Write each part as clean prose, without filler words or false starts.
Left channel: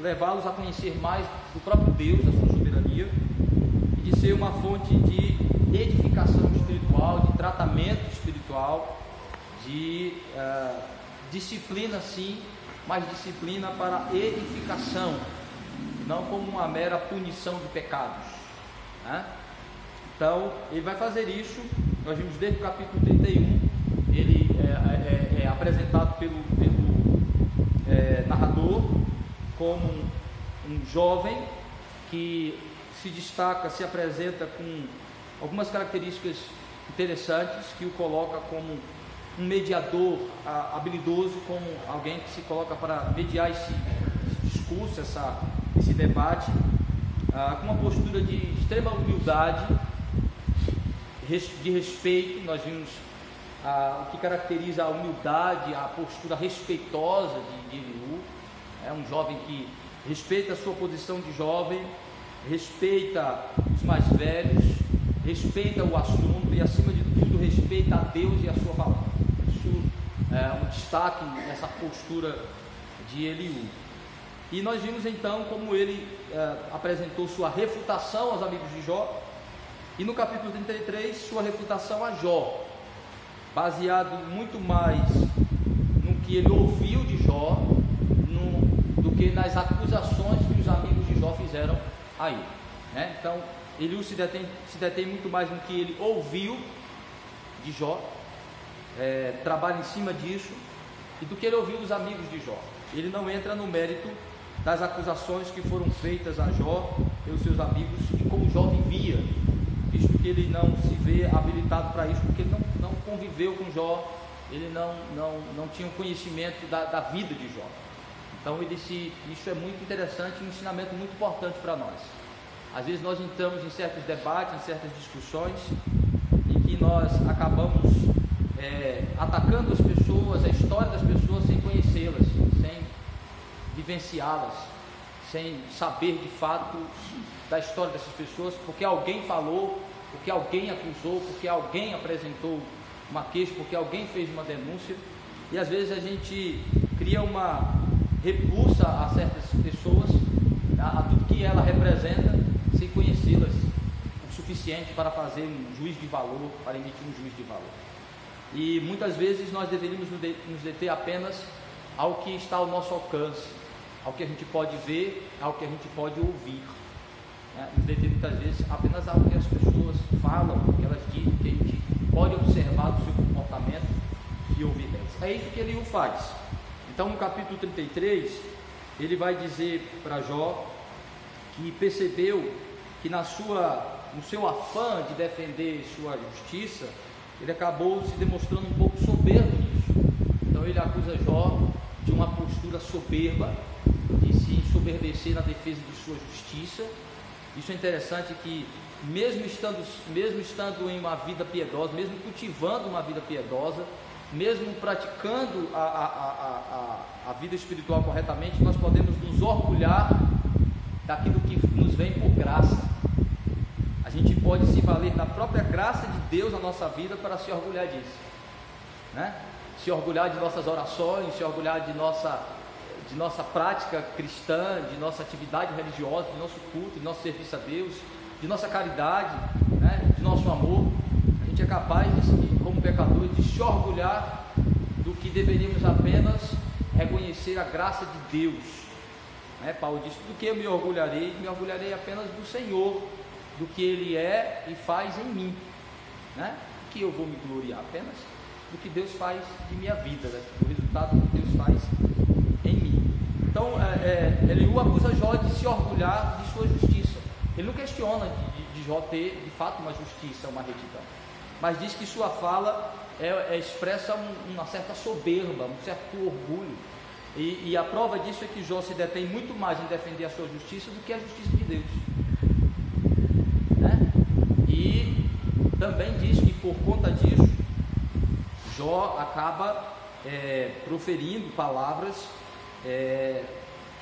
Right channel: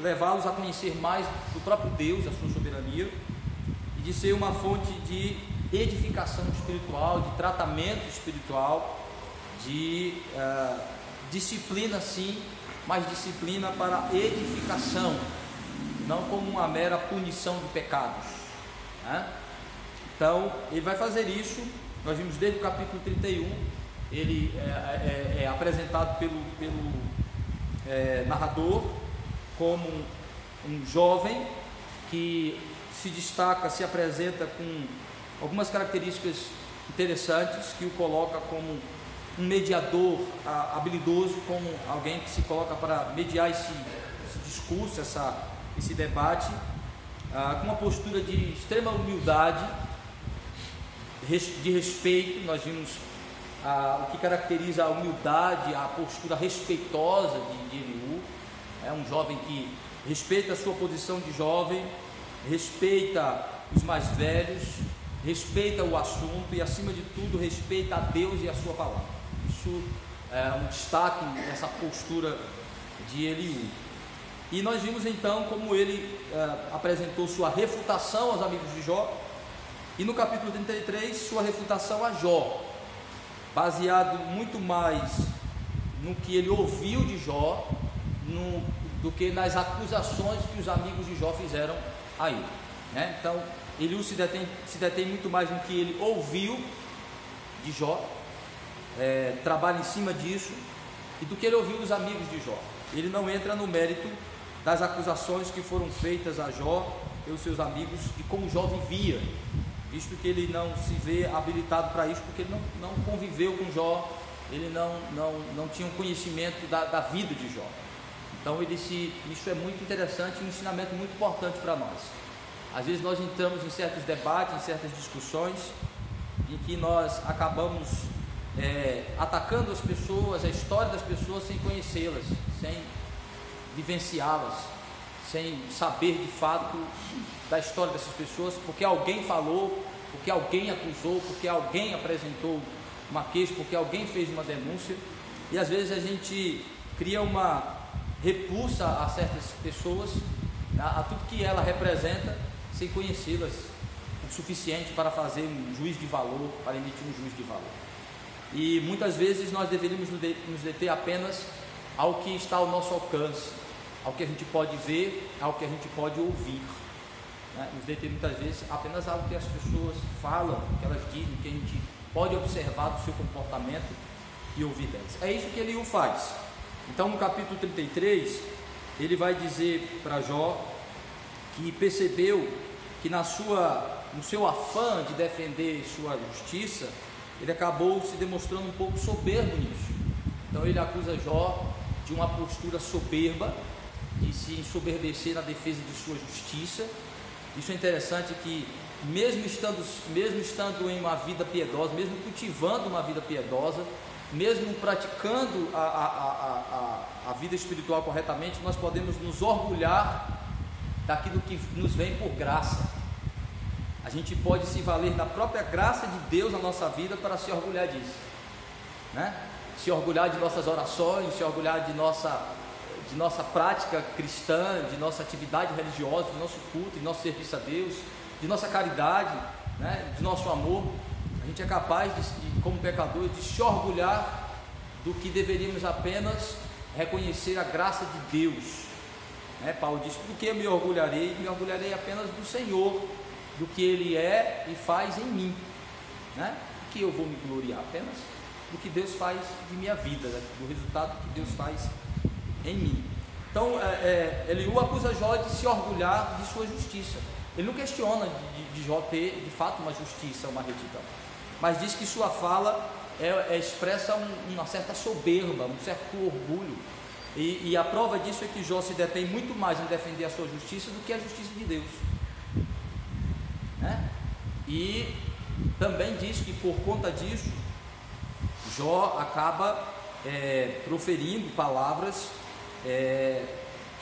levá-los a conhecer mais do próprio Deus, a sua soberania, e de ser uma fonte de edificação espiritual, de tratamento espiritual, de disciplina sim, mas disciplina para edificação, não como uma mera punição de pecados, né? Então ele vai fazer isso. Nós vimos desde o capítulo 31, ele é apresentado pelo narrador como um jovem que se destaca, se apresenta com algumas características interessantes, que o coloca como um mediador habilidoso, como alguém que se coloca para mediar esse discurso, esse debate, com uma postura de extrema humildade, de respeito. Nós vimos o que caracteriza a humildade, a postura respeitosa de Eliú. É um jovem que respeita a sua posição de jovem, respeita os mais velhos, respeita o assunto e, acima de tudo, respeita a Deus e a sua palavra. Isso é um destaque nessa postura de Eliú. E nós vimos então como ele apresentou sua refutação aos amigos de Jó, e no capítulo 33 sua refutação a Jó, baseado muito mais no que ele ouviu de Jó do que nas acusações que os amigos de Jó fizeram a ele, né? Então Eliú se detém muito mais no que ele ouviu de Jó, trabalha em cima disso, e do que ele ouviu dos amigos de Jó. Ele não entra no mérito das acusações que foram feitas a Jó pelos seus amigos de como Jó vivia, visto que ele não se vê habilitado para isso, porque ele não conviveu com Jó, ele não tinha um conhecimento da vida de Jó. Então isso é muito interessante, um ensinamento muito importante para nós. Às vezes nós entramos em certos debates, em certas discussões, em que nós acabamos atacando as pessoas, a história das pessoas, sem conhecê-las, sem vivenciá-las, sem saber de fato da história dessas pessoas, porque alguém falou, porque alguém acusou, porque alguém apresentou uma queixa, porque alguém fez uma denúncia. E às vezes a gente cria uma repulsa a certas pessoas, a tudo que ela representa, sem conhecê-las o suficiente para fazer um juízo de valor, para emitir um juízo de valor. E muitas vezes nós deveríamos nos deter apenas ao que está ao nosso alcance, ao que a gente pode ver, ao que a gente pode ouvir, né? Nos deter muitas vezes apenas ao que as pessoas falam, o que elas dizem, que a gente pode observar do seu comportamento e ouvir delas. É isso que Eliú faz. Então no capítulo 33 ele vai dizer para Jó que percebeu que no seu afã de defender sua justiça, ele acabou se demonstrando um pouco soberbo nisso. Então ele acusa Jó de uma postura soberba, de se ensoberbecer na defesa de sua justiça. Isso é interessante, que mesmo estando em uma vida piedosa, mesmo cultivando uma vida piedosa, mesmo praticando a vida espiritual corretamente, nós podemos nos orgulhar daquilo que nos vem por graça. A gente pode se valer da própria graça de Deus na nossa vida para se orgulhar disso, né? Se orgulhar de nossas orações, se orgulhar de nossa prática cristã, de nossa atividade religiosa, de nosso culto, de nosso serviço a Deus, de nossa caridade, né? De nosso amor. A gente é capaz, como pecadores, de se orgulhar do que deveríamos apenas reconhecer a graça de Deus, né? Paulo diz: do que eu me orgulharei apenas do Senhor, do que Ele é e faz em mim, né? Que eu vou me gloriar apenas do que Deus faz de minha vida, né? Do resultado que Deus faz em mim. Então Eliú acusa Jó de se orgulhar de sua justiça. Ele não questiona de Jó ter de fato uma justiça, uma retidão, mas diz que sua fala expressa uma certa soberba, um certo orgulho, e a prova disso é que Jó se detém muito mais em defender a sua justiça do que a justiça de Deus, né? E também diz que por conta disso Jó acaba proferindo palavras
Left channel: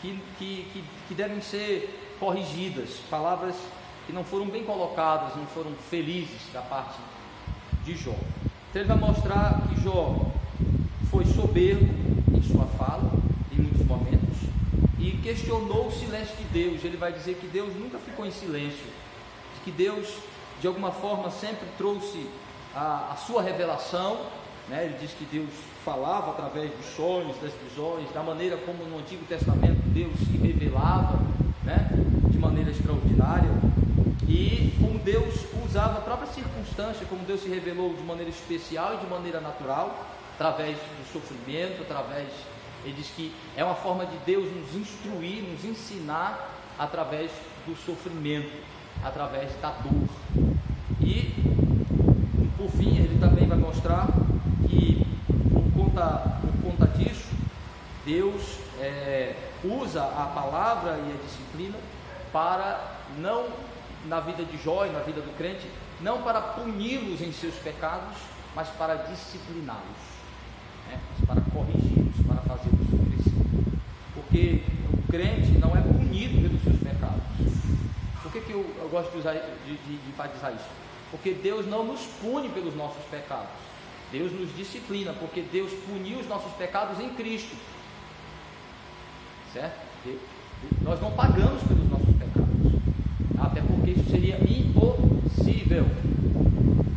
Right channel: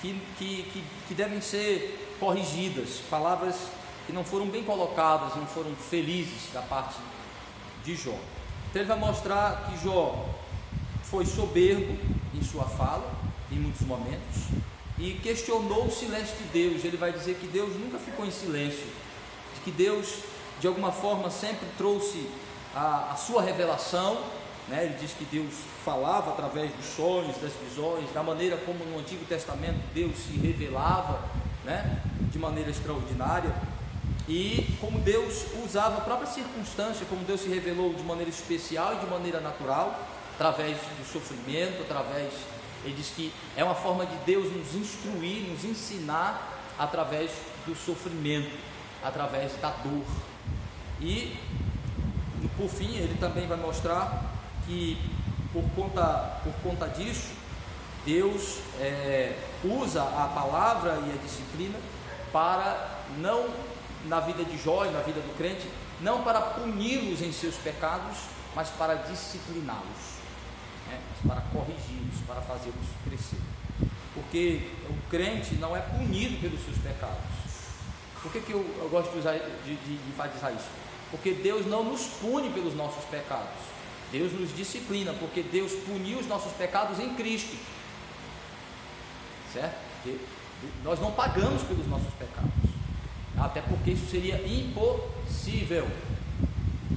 que devem ser corrigidas, palavras que não foram bem colocadas, não foram felizes da parte de Jó. Então ele vai mostrar que Jó foi soberbo em sua fala, em muitos momentos, e questionou o silêncio de Deus. Ele vai dizer que Deus nunca ficou em silêncio, de que Deus de alguma forma sempre trouxe a sua revelação, né? Ele diz que Deus falava através dos sonhos, das visões, da maneira como no Antigo Testamento Deus se revelava, né? De maneira extraordinária, e como Deus usava a própria circunstância, como Deus se revelou de maneira especial e de maneira natural, através do sofrimento, ele diz que é uma forma de Deus nos instruir, nos ensinar através do sofrimento, através da dor. E por fim ele também vai mostrar que por conta disso, Deus usa a palavra e a disciplina para, não na vida de Jó e na vida do crente, não para puni-los em seus pecados, mas para discipliná-los, mas para corrigi-los, para fazê-los crescer. Porque o crente não é punido pelos seus pecados. Por que eu gosto de enfatizar isso? Porque Deus não nos pune pelos nossos pecados, Deus nos disciplina, porque Deus puniu os nossos pecados em Cristo, certo? Nós não pagamos pelos nossos pecados, até porque isso seria impossível.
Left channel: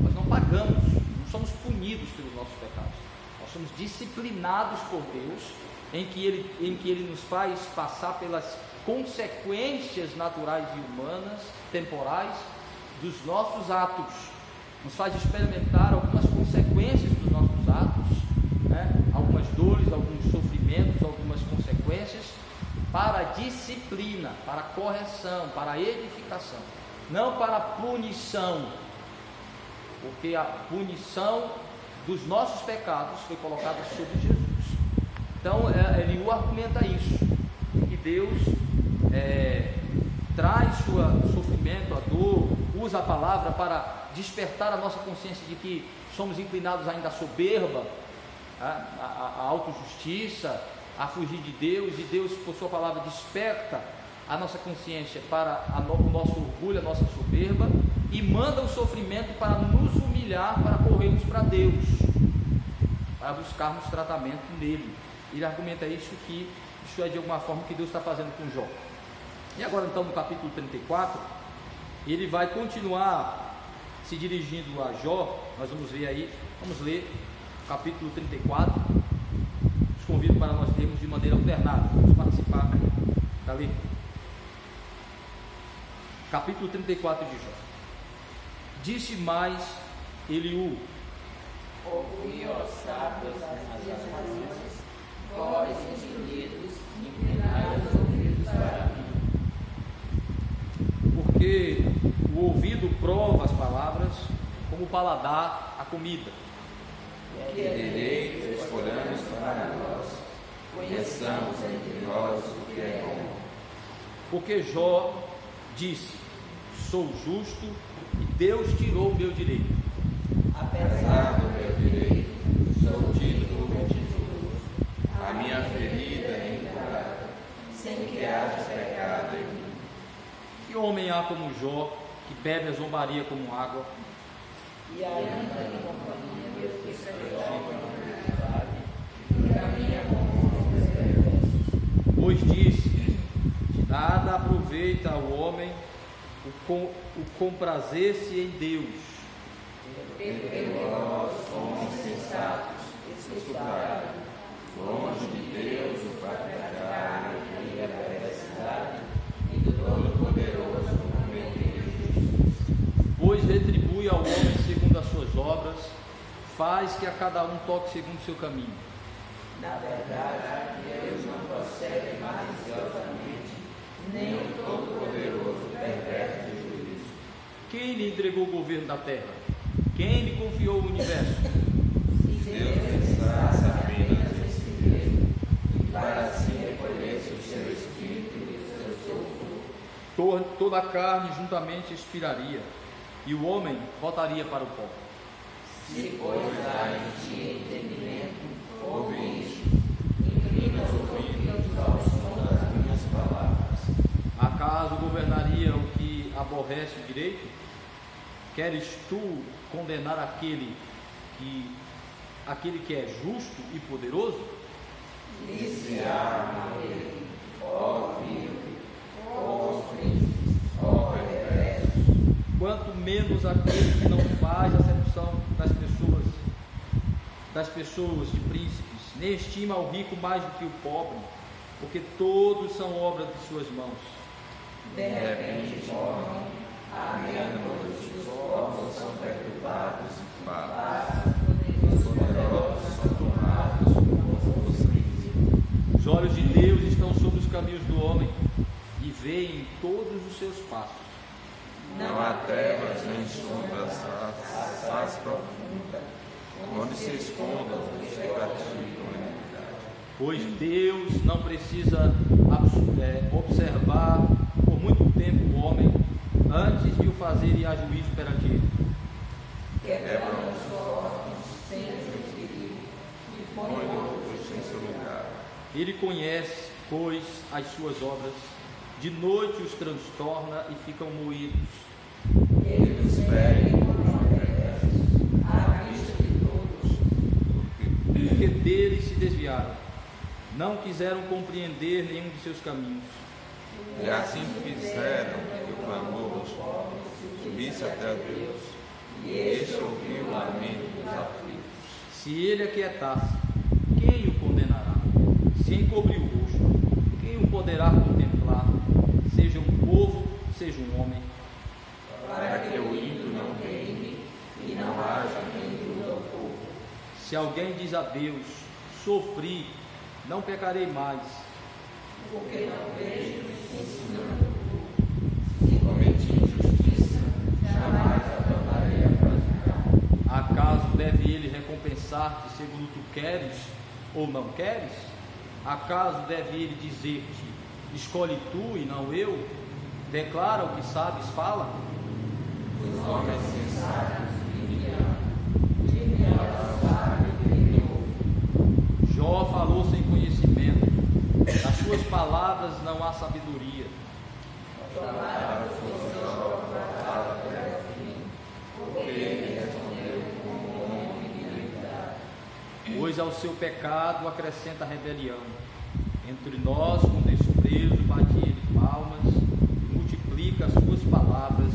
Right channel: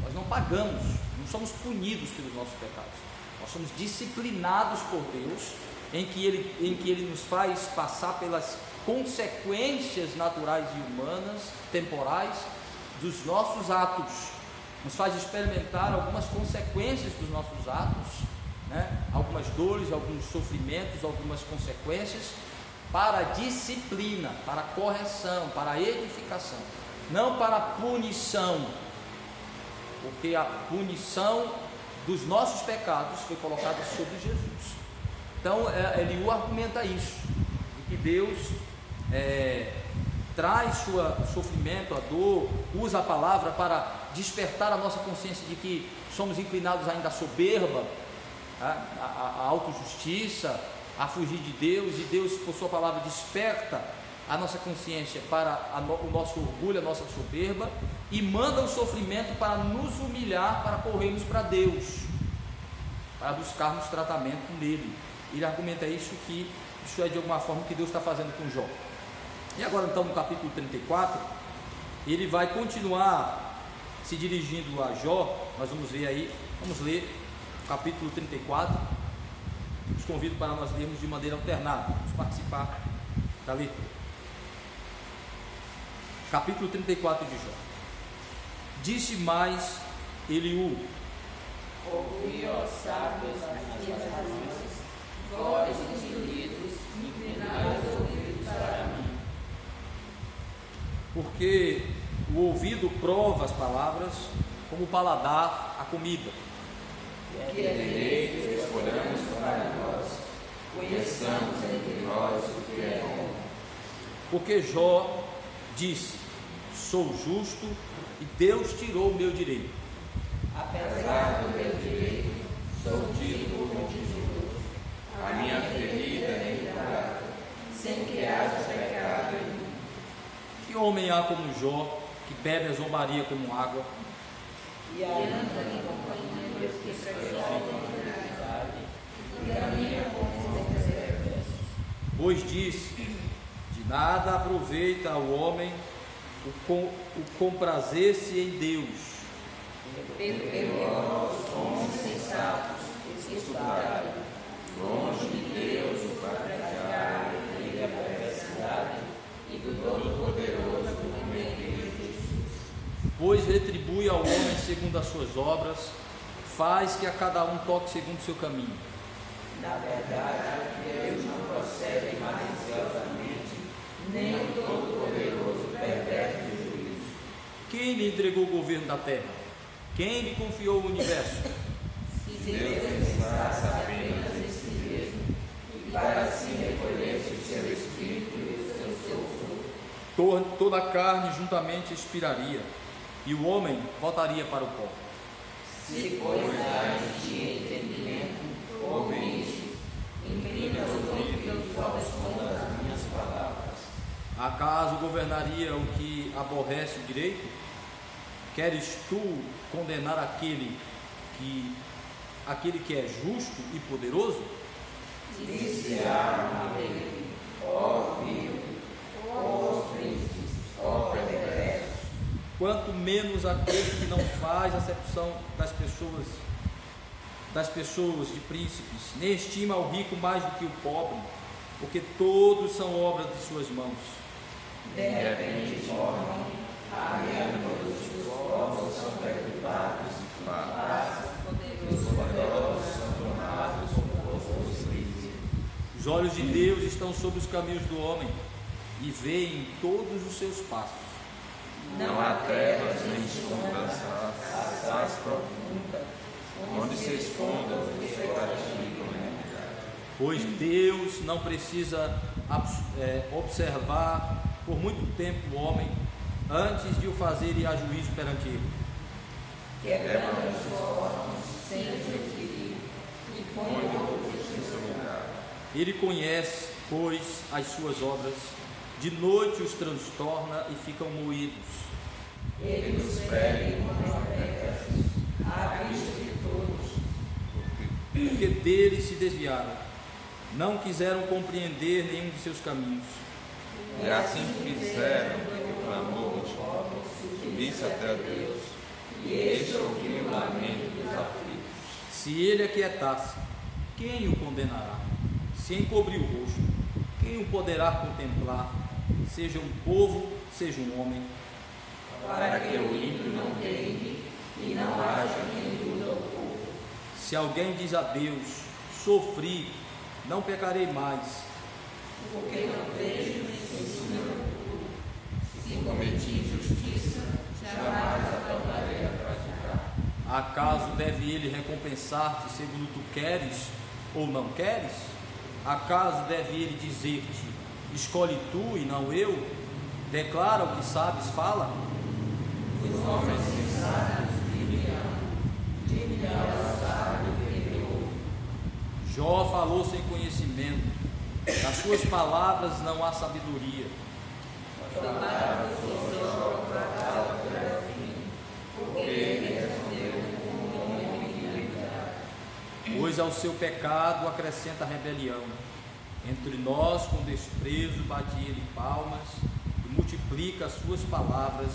Nós não pagamos, não somos punidos pelos nossos pecados, nós somos disciplinados por Deus, em que Ele nos faz passar pelas consequências naturais e humanas, temporais, dos nossos atos, nos faz experimentar algumas consequências dos nossos atos, né? Algumas dores, alguns sofrimentos, algumas consequências, para a disciplina, para a correção, para a edificação, não para a punição, porque a punição dos nossos pecados foi colocada sobre Jesus. Então Eliú argumenta isso, que Deus traz seu sofrimento, a dor, usa a palavra para despertar a nossa consciência de que somos inclinados ainda à soberba, à autojustiça, a fugir de Deus, e Deus, por sua palavra, desperta a nossa consciência para o nosso orgulho, a nossa soberba, e manda o sofrimento para nos humilhar, para corrermos para Deus, para buscarmos tratamento nele. Ele argumenta isso, que isso é de alguma forma o que Deus está fazendo com Jó. E agora então no capítulo 34, ele vai continuar se dirigindo a Jó. Nós vamos ver aí, vamos ler o capítulo 34, os convido para nós lermos de maneira alternada, vamos participar da leitura. Capítulo 34 de Jó. Disse mais Eliú: ouvi, ó sábios, as razões, vós entendidos, inclinai os ouvidos para mim. Porque o ouvido prova as palavras, como o paladar a comida. Que é direito que escolhamos para nós, conheçamos entre nós o que é bom. Porque Jó disse: sou justo e Deus tirou o meu direito. Apesar do meu direito, sou tido como injusto. A minha ferida é incurada, sem que haja pecado em mim. Que homem há como Jó, que bebe a zombaria como água? E anda em companhia dos que praticam a iniquidade, e caminha com os perversos. Pois disse: de nada aproveita ao homem o comprazer-se em Deus. Porque vós, homens sensatos, escutai, longe de Deus o praticar e a perversidade, e do Todo-Poderoso cometer justiça. Pois retribui ao homem segundo as suas obras, faz que a cada um toque segundo o seu caminho. Na verdade, Deus não procede maliciosamente, nem o Todo-Poderoso perverte de juízo. Quem lhe entregou o governo da terra? Quem lhe confiou o universo? Se Deus está apenas em si mesmo, e para si recolhesse o seu espírito e o seu fruto, Toda a carne juntamente expiraria, e o homem voltaria para o pó. se pois há em ti entendimento, ouve isto, inclina os ouvidos ao som das minhas palavras. Acaso governaria o que aborrece o direito? Queres tu condenar aquele que é justo e poderoso? Iniciar uma lei, ó vil, ó príncipes, ó perversos. Quanto menos aquele que não faz acepção das pessoas de príncipes, nem estima o rico mais do que o pobre, porque todos são obra de suas mãos. De repente formam, amigos, os povos são perturbados, os poderosos são tomados por crise. Os olhos de Deus estão sobre os caminhos do homem e veem todos os seus passos. Não há trevas nem sombras nas faz profunda, onde se escondam os que praticam a iniquidade. Pois Deus não precisa observar por muito tempo o homem antes de o fazer ir a juízo perante ele. Quebram os órgãos sem adquirir e põe outros em seu lugar. Ele conhece, pois, as suas obras, de noite os transtorna e ficam moídos. Ele os fere como perversos, à vista de todos. Porque dele se desviaram, não quiseram compreender nenhum de seus caminhos. E assim fizeram que o clamor dos pobres subisse até Deus, e este ouviu o lamento dos aflitos. Se ele aquietasse, quem o condenará? Se encobrir o rosto, quem o poderá contemplar? Seja um povo, seja um homem. Para que o ímpio não reine e não haja quem luta ao povo. Se alguém diz a Deus, sofri, não pecarei mais. Porque não vejo ensinando. Se cometi injustiça, jamais a tornarei a praticar. Acaso deve ele recompensar-te segundo tu queres ou não queres? Acaso deve ele dizer-te, escolhe tu e não eu? Declara o que sabes, fala. Os homens sensatos dirão sábio que ouve. Jó falou sem conhecimento, nas suas palavras não há sabedoria. Chamaram por Jó para fala até o fim, porque ele respondeu como um homem de iniquidade. Pois ao seu pecado acrescenta rebelião. Entre nós, com desprezo, bate ele palmas e multiplica as suas palavras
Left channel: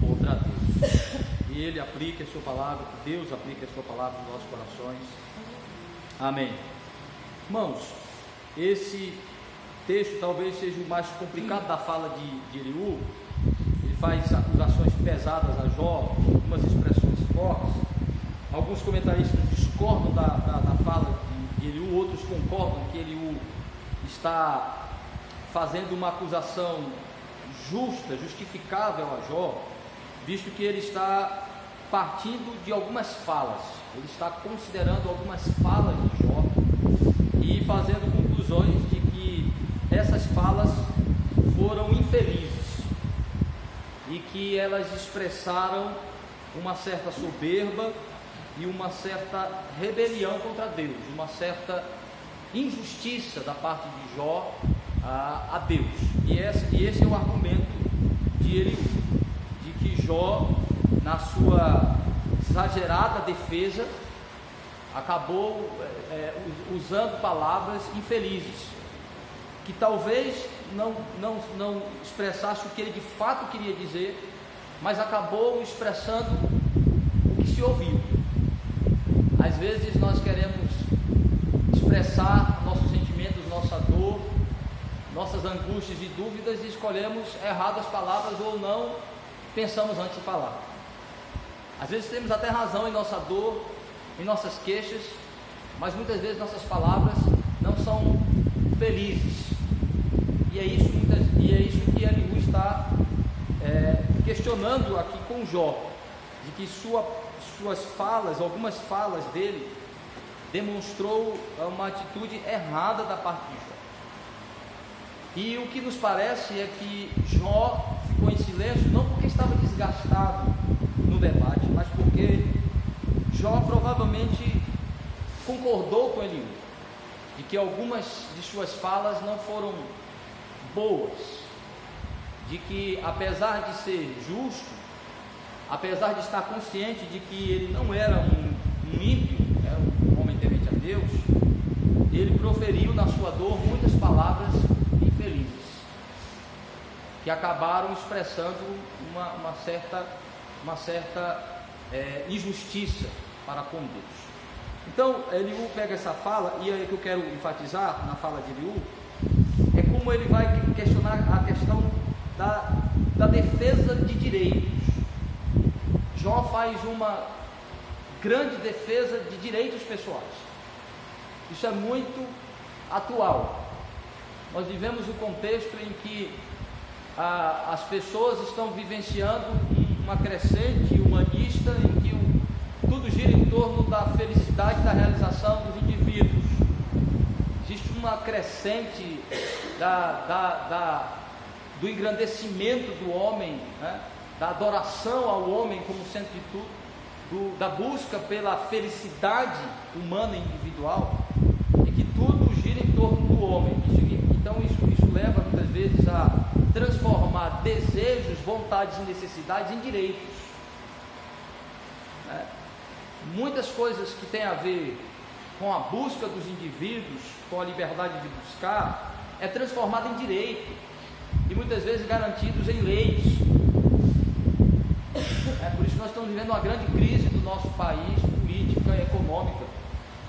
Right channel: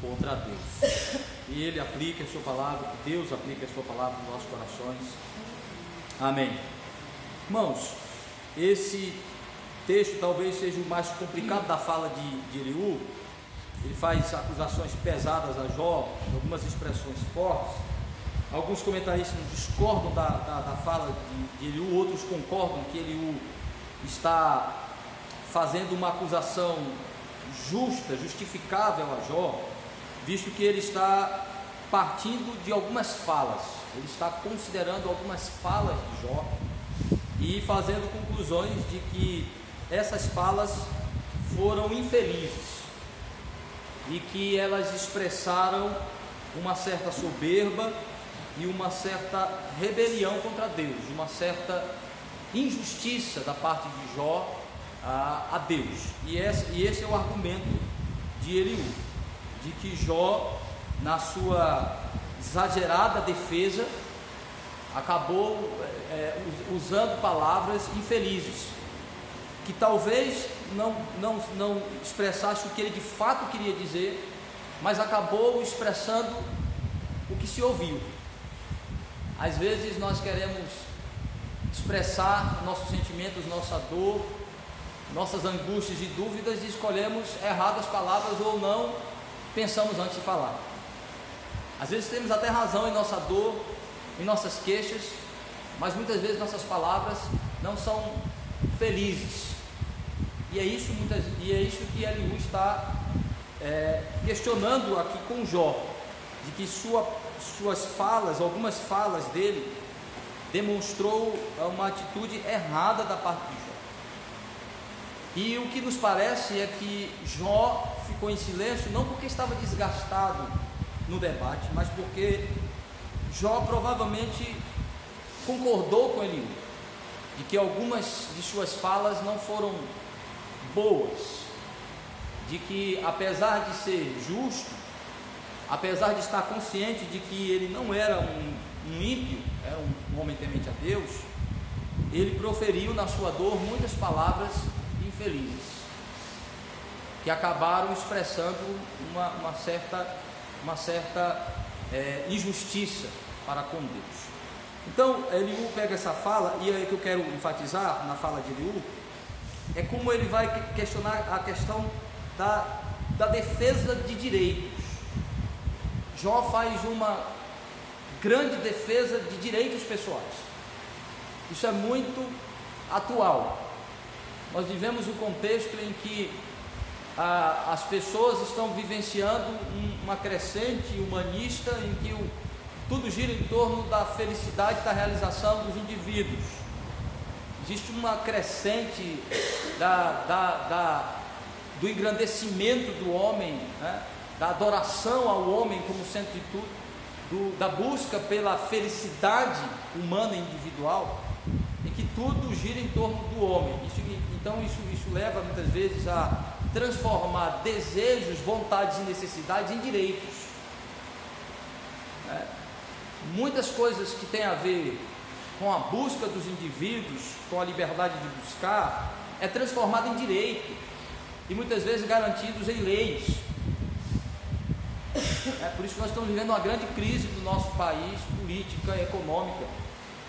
contra Deus. E ele aplica a sua palavra, Deus aplica a sua palavra nos nossos corações. Amém. Irmãos, esse texto talvez seja o mais complicado da fala de Eliú. Ele faz acusações pesadas a Jó, algumas expressões fortes. Alguns comentaristas discordam da fala de Eliú, outros concordam que Eliú está fazendo uma acusação justa, justificável a Jó, visto que ele está partindo de algumas falas, ele está considerando algumas falas de Jó e fazendo conclusões de que essas falas foram infelizes e que elas expressaram uma certa soberba e uma certa rebelião contra Deus, uma certa injustiça da parte de Jó a Deus. E esse é o argumento de Eliú, de que Jó, na sua exagerada defesa, acabou usando palavras infelizes, que talvez não expressasse o que ele de fato queria dizer, mas acabou expressando o que se ouviu. Às vezes nós queremos expressar nossos sentimentos, nossa dor, nossas angústias e dúvidas, e escolhemos erradas palavras ou não pensamos antes de falar. Às vezes temos até razão em nossa dor, em nossas queixas, mas muitas vezes nossas palavras não são felizes. E é isso que Eliú está questionando aqui com Jó, de que suas falas, algumas falas dele, demonstrou uma atitude errada da parte de Jó. E o que nos parece é que Jó ficou em silêncio, não porque estava desgastado no debate, mas porque Jó provavelmente concordou com Eliú, de que algumas de suas falas não foram boas, de que apesar de ser justo, apesar de estar consciente de que ele não era um ímpio, era um homem temente a Deus, ele proferiu na sua dor muitas palavras infelices. infelizes, que acabaram expressando uma certa injustiça para com Deus. Então, Eliú pega essa fala, e é que eu quero enfatizar na fala de Eliú, é como ele vai questionar a questão da defesa de direitos. Jó faz uma grande defesa de direitos pessoais. Isso é muito atual. Nós vivemos um contexto em que as pessoas estão vivenciando uma crescente humanista em que tudo gira em torno da felicidade, da realização dos indivíduos. Existe uma crescente do engrandecimento do homem, né? Da adoração ao homem como centro de tudo, da busca pela felicidade humana e individual, em que tudo gira em torno do homem. Então isso leva muitas vezes a transformar desejos, vontades e necessidades em direitos. Muitas coisas que têm a ver com a busca dos indivíduos, com a liberdade de buscar, é transformada em direito, e muitas vezes garantidos em leis. Por isso que nós estamos vivendo uma grande crise do nosso país, política e econômica,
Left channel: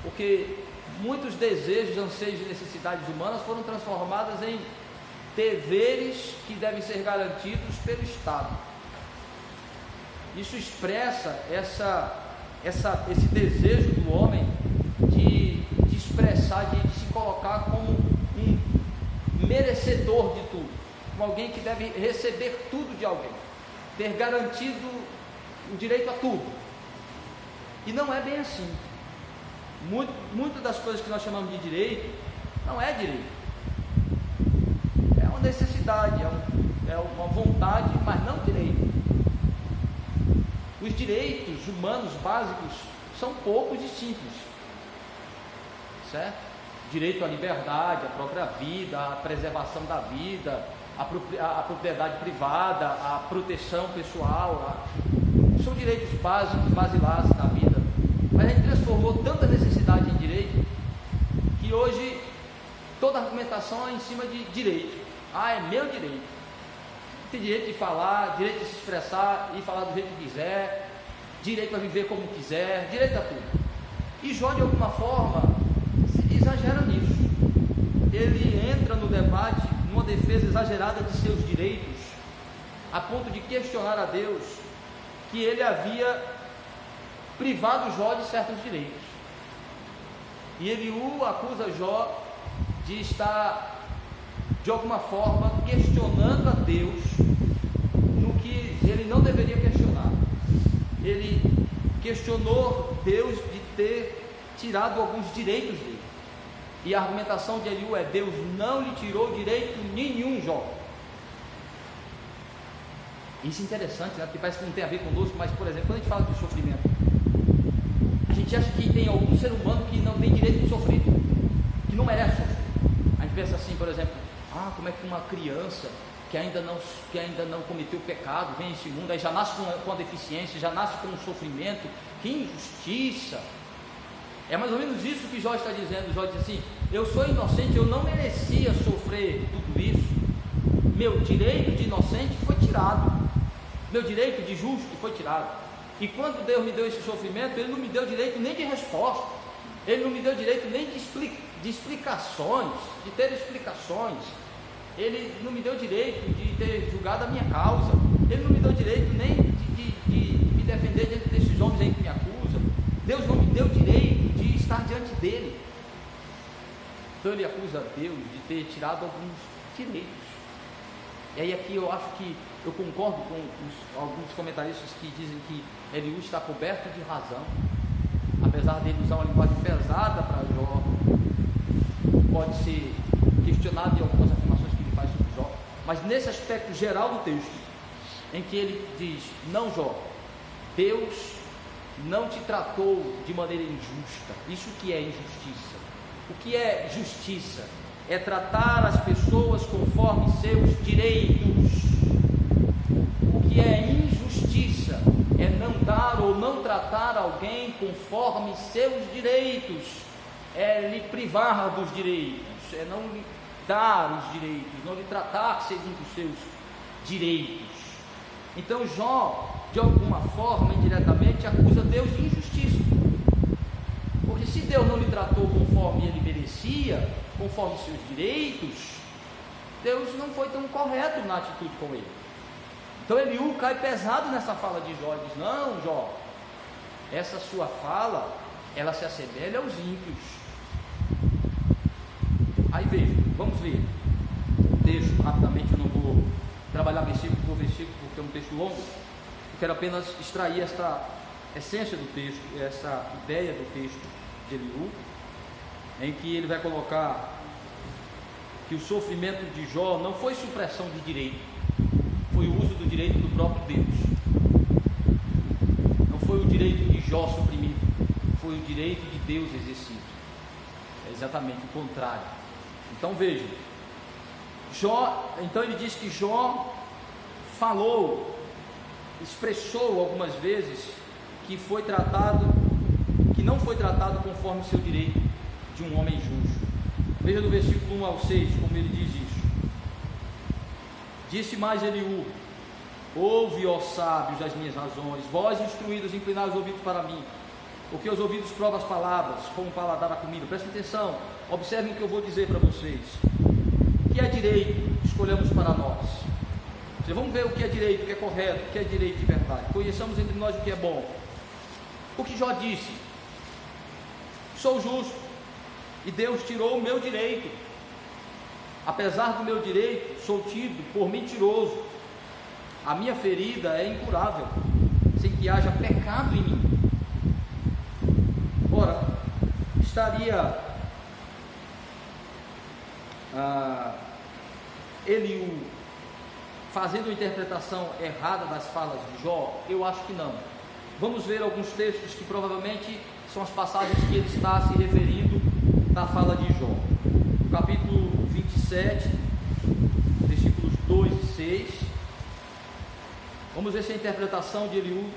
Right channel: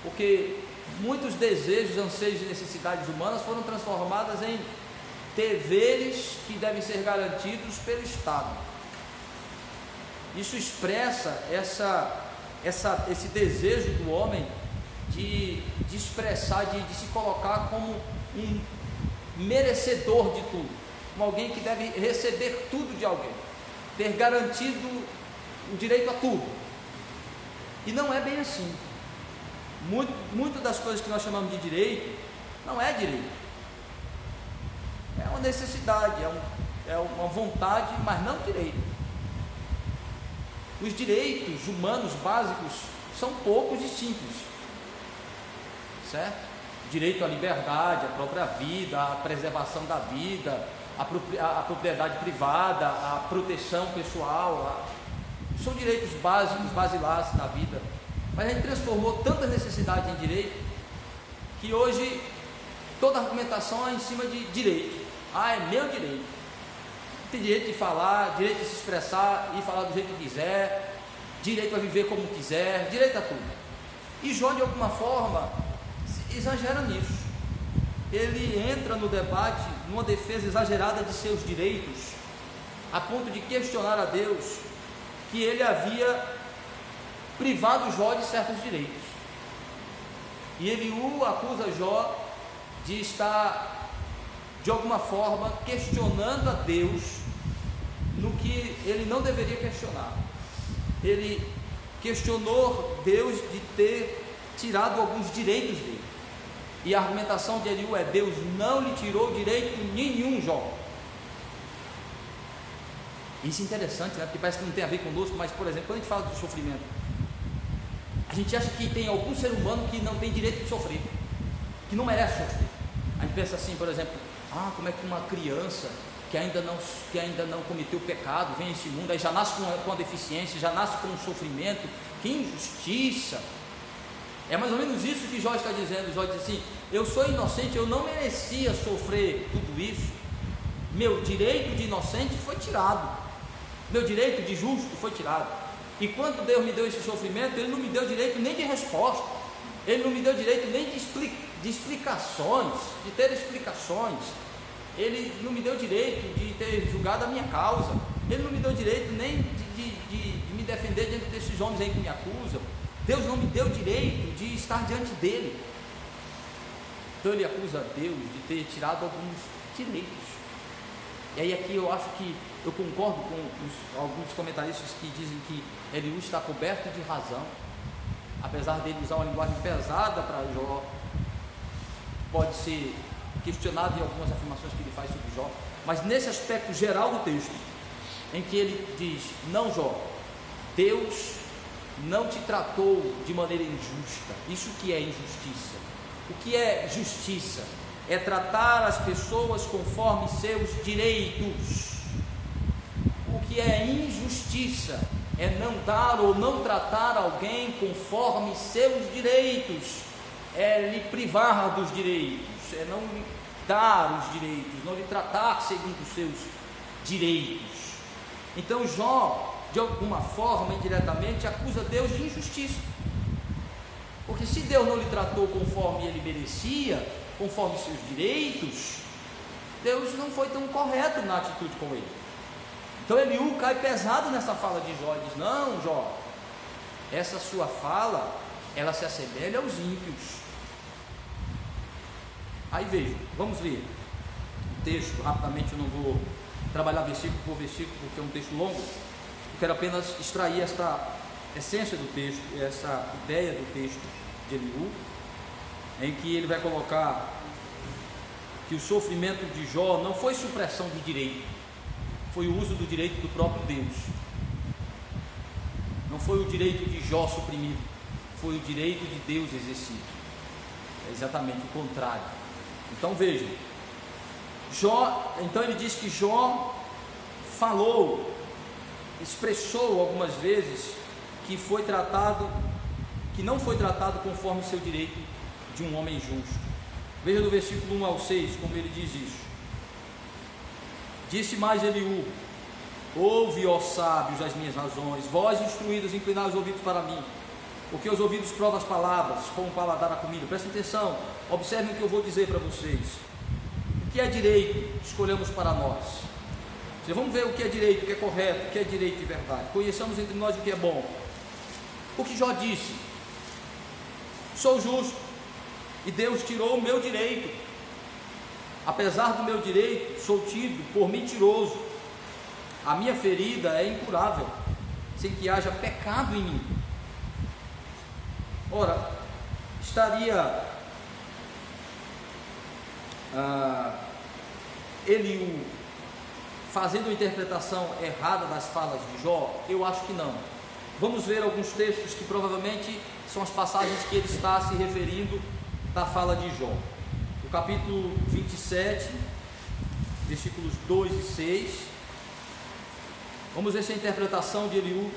porque muitos desejos, anseios e necessidades humanas foram transformadas em deveres que devem ser garantidos pelo Estado. Isso expressa esse desejo do homem de expressar, de se colocar como um merecedor de tudo, como alguém que deve receber tudo de alguém, ter garantido o direito a tudo. E não é bem assim. Muitas das coisas que nós chamamos de direito não é direito, é uma necessidade, é uma vontade, mas não direito. Os direitos humanos básicos são poucos e simples, certo? Direito à liberdade, à própria vida, à preservação da vida, à propriedade privada, à proteção pessoal, são direitos básicos, basilares na vida. Mas a gente transformou tantas necessidades em direito, que hoje toda argumentação é em cima de direito. É meu direito. Tem direito de falar, direito de se expressar e falar do jeito que quiser, direito a viver como quiser, direito a tudo. E Jó, de alguma forma, exagera nisso. Ele entra no debate numa defesa exagerada de seus direitos, a ponto de questionar a Deus que ele havia privado Jó de certos direitos. E Eliú acusa Jó de estar, de alguma forma, questionando a Deus no que ele não deveria questionar. Ele questionou Deus de ter tirado alguns direitos dele. E a argumentação de Eliú é: Deus não lhe tirou direito nenhum, Jó. Isso é interessante, né? Porque parece que não tem a ver conosco, mas, por exemplo, quando a gente fala de sofrimento, a gente acha que tem algum ser humano que não tem direito de sofrer, que não merece sofrer. A gente pensa assim, por exemplo, como é que uma criança que ainda não cometeu pecado vem a esse mundo, aí já nasce com a deficiência, já nasce com um sofrimento, que injustiça. É mais ou menos isso que Jó está dizendo. Jó diz assim: eu sou inocente, eu não merecia sofrer tudo isso, meu direito de inocente foi tirado, meu direito de justo foi tirado. E quando Deus me deu esse sofrimento, Ele não me deu direito nem de resposta, Ele não me deu direito nem de explicações, de ter explicações. Ele não me deu direito de ter julgado a minha causa, Ele não me deu direito nem de me defender diante desses homens aí que me acusam. Deus não me deu direito de estar diante dele. Então ele acusa Deus de ter tirado alguns direitos. E aí aqui eu acho que eu concordo com alguns comentaristas que dizem que Eliú está coberto de razão, apesar dele usar uma linguagem pesada para Jó, pode ser questionado em algumas afirmações que ele faz sobre Jó, mas nesse aspecto geral do texto, em que ele diz: não, Jó, Deus não te tratou de maneira injusta. Isso que é injustiça. O que é justiça? É tratar as pessoas conforme seus direitos. O que é injustiça é não dar ou não tratar alguém conforme seus direitos, é lhe privar dos direitos, é não lhe dar os direitos, não lhe tratar segundo os seus direitos. Então Jó, de alguma forma, indiretamente, acusa Deus de injustiça, porque se Deus não lhe tratou conforme ele merecia, conforme seus direitos, Deus não foi tão correto na atitude com ele. Então Eliú cai pesado nessa fala de Jó e diz: não, Jó, essa sua fala, ela se assemelha aos ímpios. Aí veja, vamos ler o texto rapidamente. Eu não vou trabalhar versículo por versículo porque é um texto longo. Eu quero apenas extrair esta essência do texto, essa ideia do texto de Eliú, em que ele vai colocar que o sofrimento de Jó não foi supressão de direito, foi o uso do direito do próprio Deus. Não foi o direito de Jó suprimido, foi o direito de Deus exercido. É exatamente o contrário. Então vejam, Jó, então ele diz que Jó falou, expressou algumas vezes que não foi tratado conforme seu direito de um homem justo. Veja no versículo 1 ao 6 como ele diz isso. Disse mais Eliú: ouve, ó sábios, as minhas razões, vós instruídos, inclinai os ouvidos para mim, porque os ouvidos provam as palavras, como o paladar a comida. Prestem atenção, observem o que eu vou dizer para vocês. O que é direito? Escolhamos para nós. Vamos ver o que é direito, o que é correto, o que é direito de verdade. Conheçamos entre nós o que é bom. O que Jó disse: sou justo, e Deus tirou o meu direito. Apesar do meu direito, sou tido por mentiroso. A minha ferida é incurável, sem que haja pecado em mim. Ora, estaria Eliú fazendo a interpretação errada das falas de Jó? Eu acho que não. Vamos ver alguns textos que provavelmente são as passagens que ele está se referindo da fala de Jó. No capítulo 27, versículos 2 e 6, vamos ver se a interpretação de Eliú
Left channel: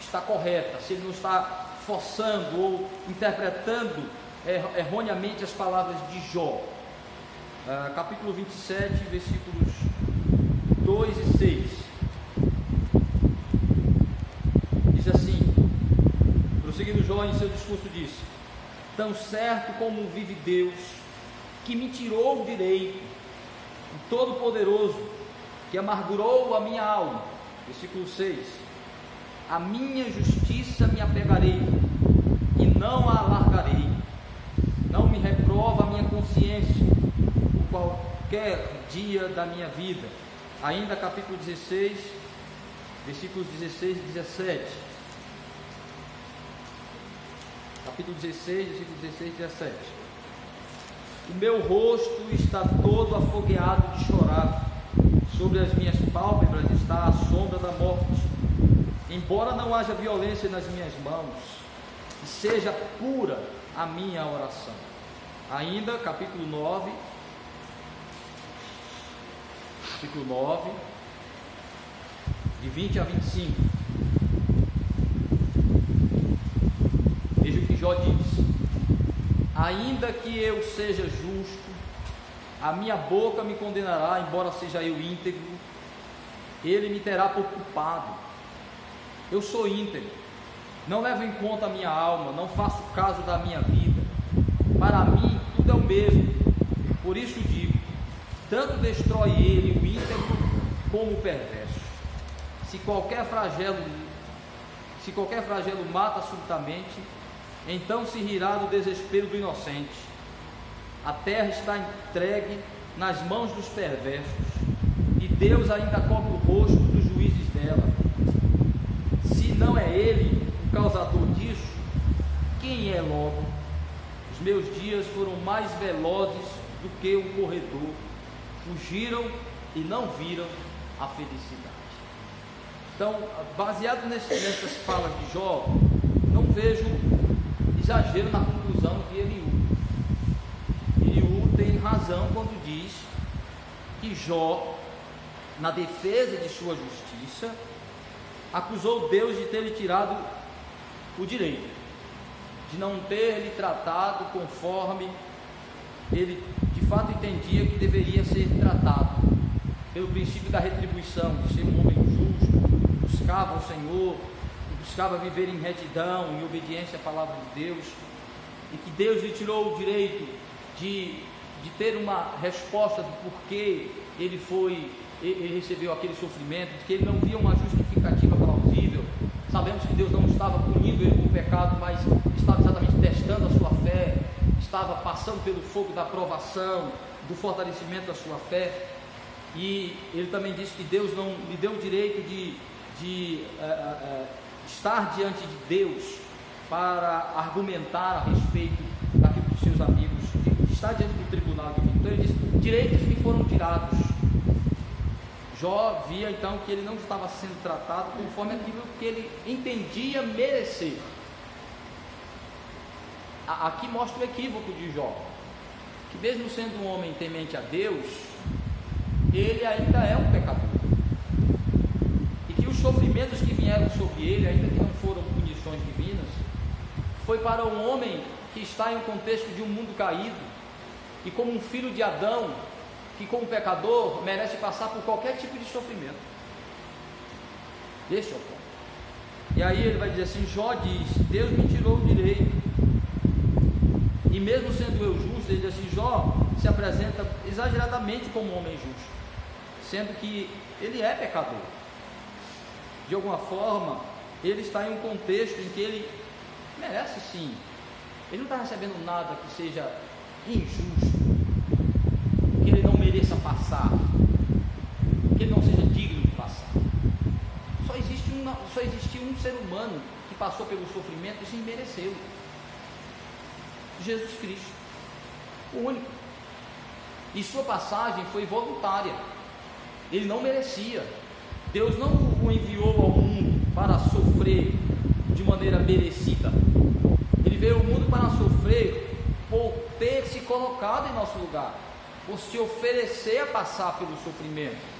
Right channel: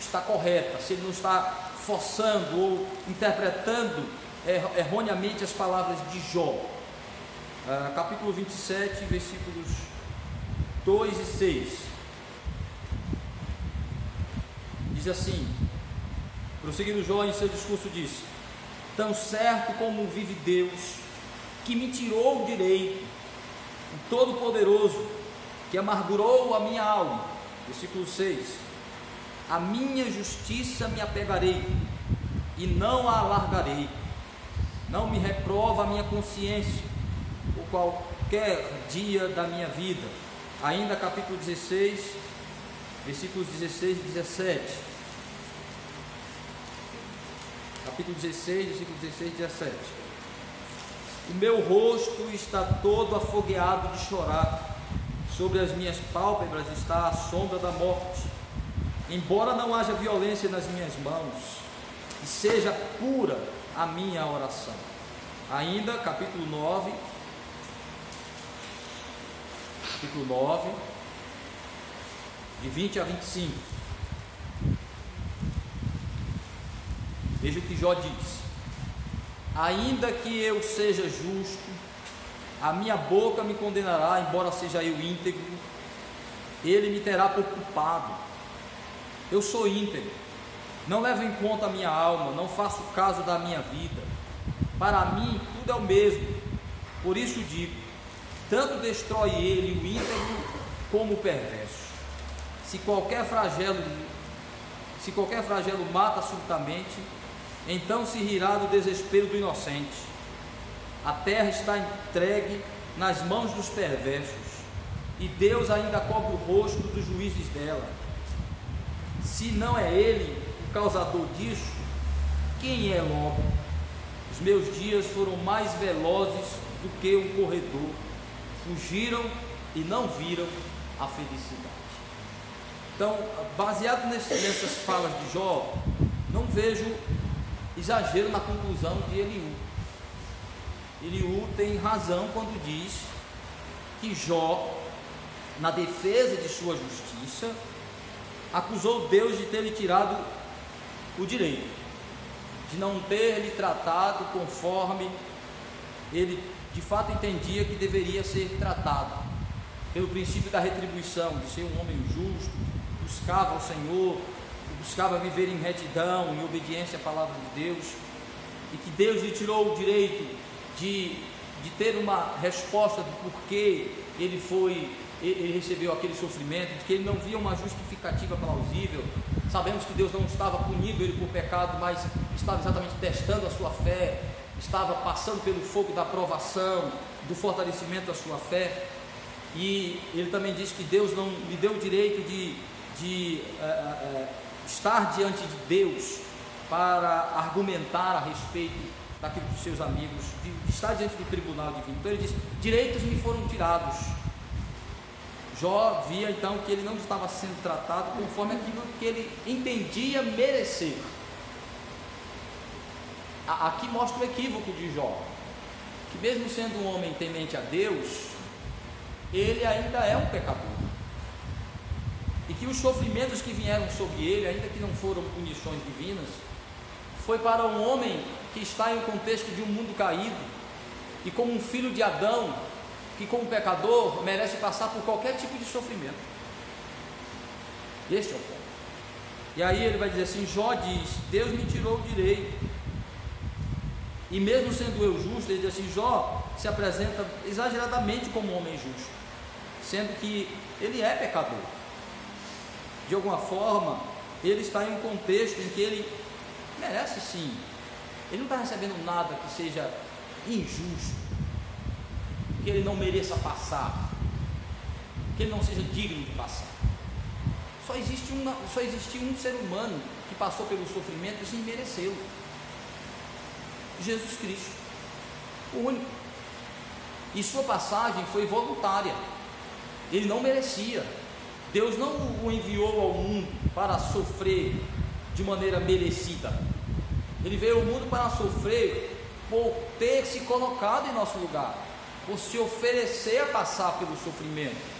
está correta, se ele não está forçando ou interpretando erroneamente as palavras de Jó. Capítulo 27, versículos 2 e 6, diz assim, prosseguindo Jó em seu discurso, disse: tão certo como vive Deus, que me tirou o direito, o Todo-Poderoso, que amargurou a minha alma. Versículo 6, a minha justiça me apegarei, e não a alargarei, não me reprova a minha consciência, por qualquer dia da minha vida. Ainda capítulo 16, versículos 16 e 17, capítulo 16, versículos 16 e 17, o meu rosto está todo afogueado de chorar, sobre as minhas pálpebras está a sombra da morte, embora não haja violência nas minhas mãos, e seja pura a minha oração. Ainda capítulo 9, de 20 a 25, veja o que Jó diz: ainda que eu seja justo, a minha boca me condenará, embora seja eu íntegro, ele me terá por culpado. Eu sou íntegro, não levo em conta a minha alma, não faço caso da minha vida, para mim tudo é o mesmo. Por isso digo, tanto destrói ele o íntegro como o perverso. Se qualquer flagelo mata subitamente, então se rirá do desespero do inocente. A terra está entregue nas mãos dos perversos, e Deus ainda cobre o rosto dos juízes dela. Se não é ele o causador disso, quem é logo? Os meus dias foram mais velozes do que um corredor, fugiram e não viram a felicidade. Então, baseado nessas falas de Jó, não vejo exagero na conclusão de Eliú. Eliú tem razão quando diz que Jó, na defesa de sua justiça, acusou Deus de ter lhe tirado o direito, de não ter lhe tratado conforme ele de fato entendia que deveria ser tratado pelo princípio da retribuição, de ser um homem justo, buscava o Senhor, buscava viver em retidão, em obediência à palavra de Deus, e que Deus lhe tirou o direito de ter uma resposta do porquê ele recebeu aquele sofrimento, de que ele não via uma justificativa plausível. Sabemos que Deus não estava punindo ele por pecado, mas estava exatamente testando a sua fé, estava passando pelo fogo da provação, do fortalecimento da sua fé. E ele também disse que Deus não lhe deu o direito de estar diante de Deus para argumentar a respeito daquilo que seus amigos, de estar diante do tribunal divino. Então ele diz: direitos me foram tirados. Jó via então que ele não estava sendo tratado conforme aquilo que ele entendia merecer. Aqui mostra o equívoco de Jó, que mesmo sendo um homem temente a Deus, ele ainda é um pecador, e que os sofrimentos que vieram sobre ele, ainda que não foram punições divinas, foi para um homem que está em um contexto de um mundo caído, e como um filho de Adão, que como pecador merece passar por qualquer tipo de sofrimento. Este é o ponto. E aí ele vai dizer assim: Jó diz: Deus me tirou o direito, e mesmo sendo eu justo, ele diz assim, Jó se apresenta exageradamente como um homem justo, sendo que ele é pecador. De alguma forma, ele está em um contexto em que ele merece sim, ele não está recebendo nada que seja injusto, que ele não mereça passar, que ele não seja digno de passar. Só existe um ser humano que passou pelo sofrimento sem merecê-lo: Jesus Cristo, o único. E sua passagem foi voluntária, ele não merecia. Deus não o enviou ao mundo para sofrer de maneira merecida. Ele veio ao mundo para sofrer por ter se colocado em nosso lugar, por se oferecer a passar pelo sofrimento.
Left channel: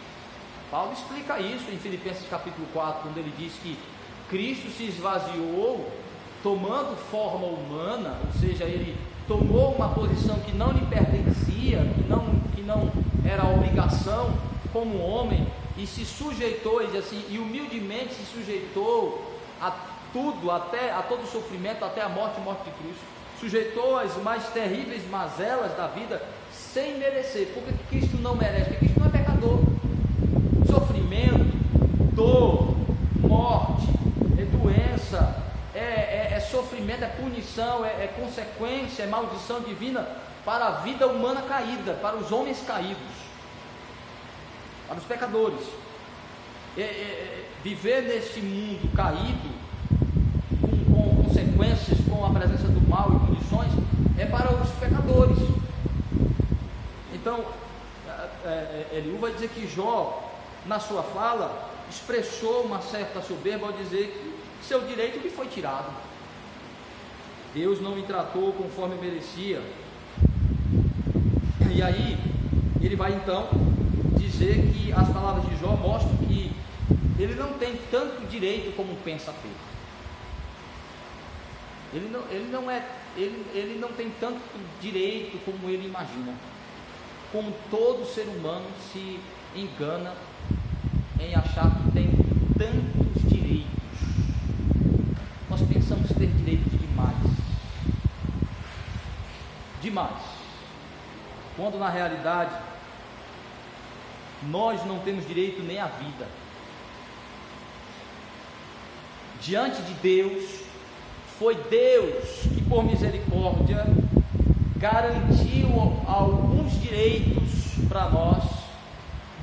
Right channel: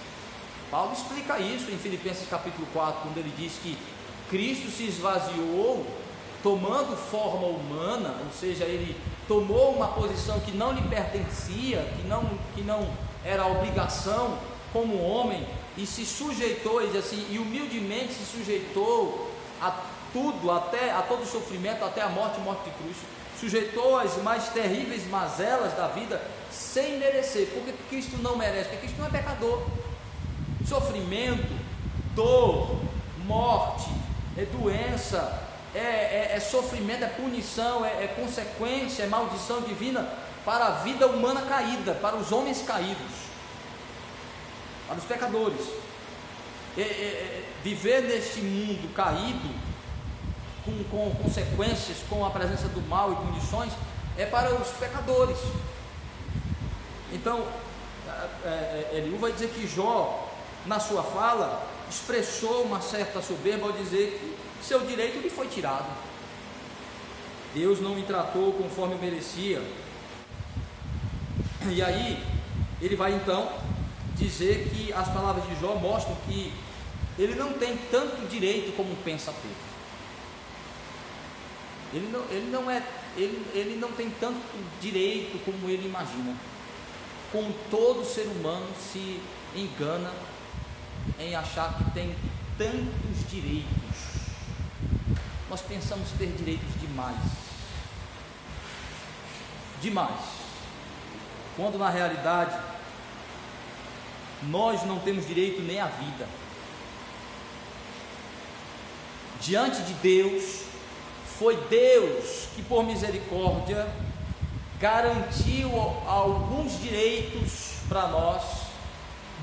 Paulo explica isso em Filipenses capítulo 4, quando ele diz que Cristo se esvaziou, tomando forma humana, ou seja, ele tomou uma posição que não lhe pertencia, que não era obrigação como homem, e se sujeitou, ele diz assim, e humildemente se sujeitou a tudo, até a todo sofrimento, até a morte e morte de cruz. Sujeitou as mais terríveis mazelas da vida sem merecer. Por que Cristo não merece? Porque Cristo não é pecador. Sofrimento, dor, morte, doença, é sofrimento, é punição, é consequência, é maldição divina para a vida humana caída, para os homens caídos, para os pecadores. Viver neste mundo caído, com consequências, com a presença do mal e punições, é para os pecadores. Então, Eliú vai dizer que Jó, na sua fala, expressou uma certa soberba ao dizer que seu direito lhe foi tirado. Deus não me tratou conforme eu merecia. E aí, ele vai então dizer que as palavras de Jó mostram que ele não tem tanto direito como pensa ter. Ele não tem tanto direito como ele imagina. Como todo ser humano se engana em achar que tem tantos direitos. Nós pensamos ter direitos demais, quando na realidade nós não temos direito nem à vida. Diante de Deus, foi Deus que por misericórdia garantiu alguns direitos para nós,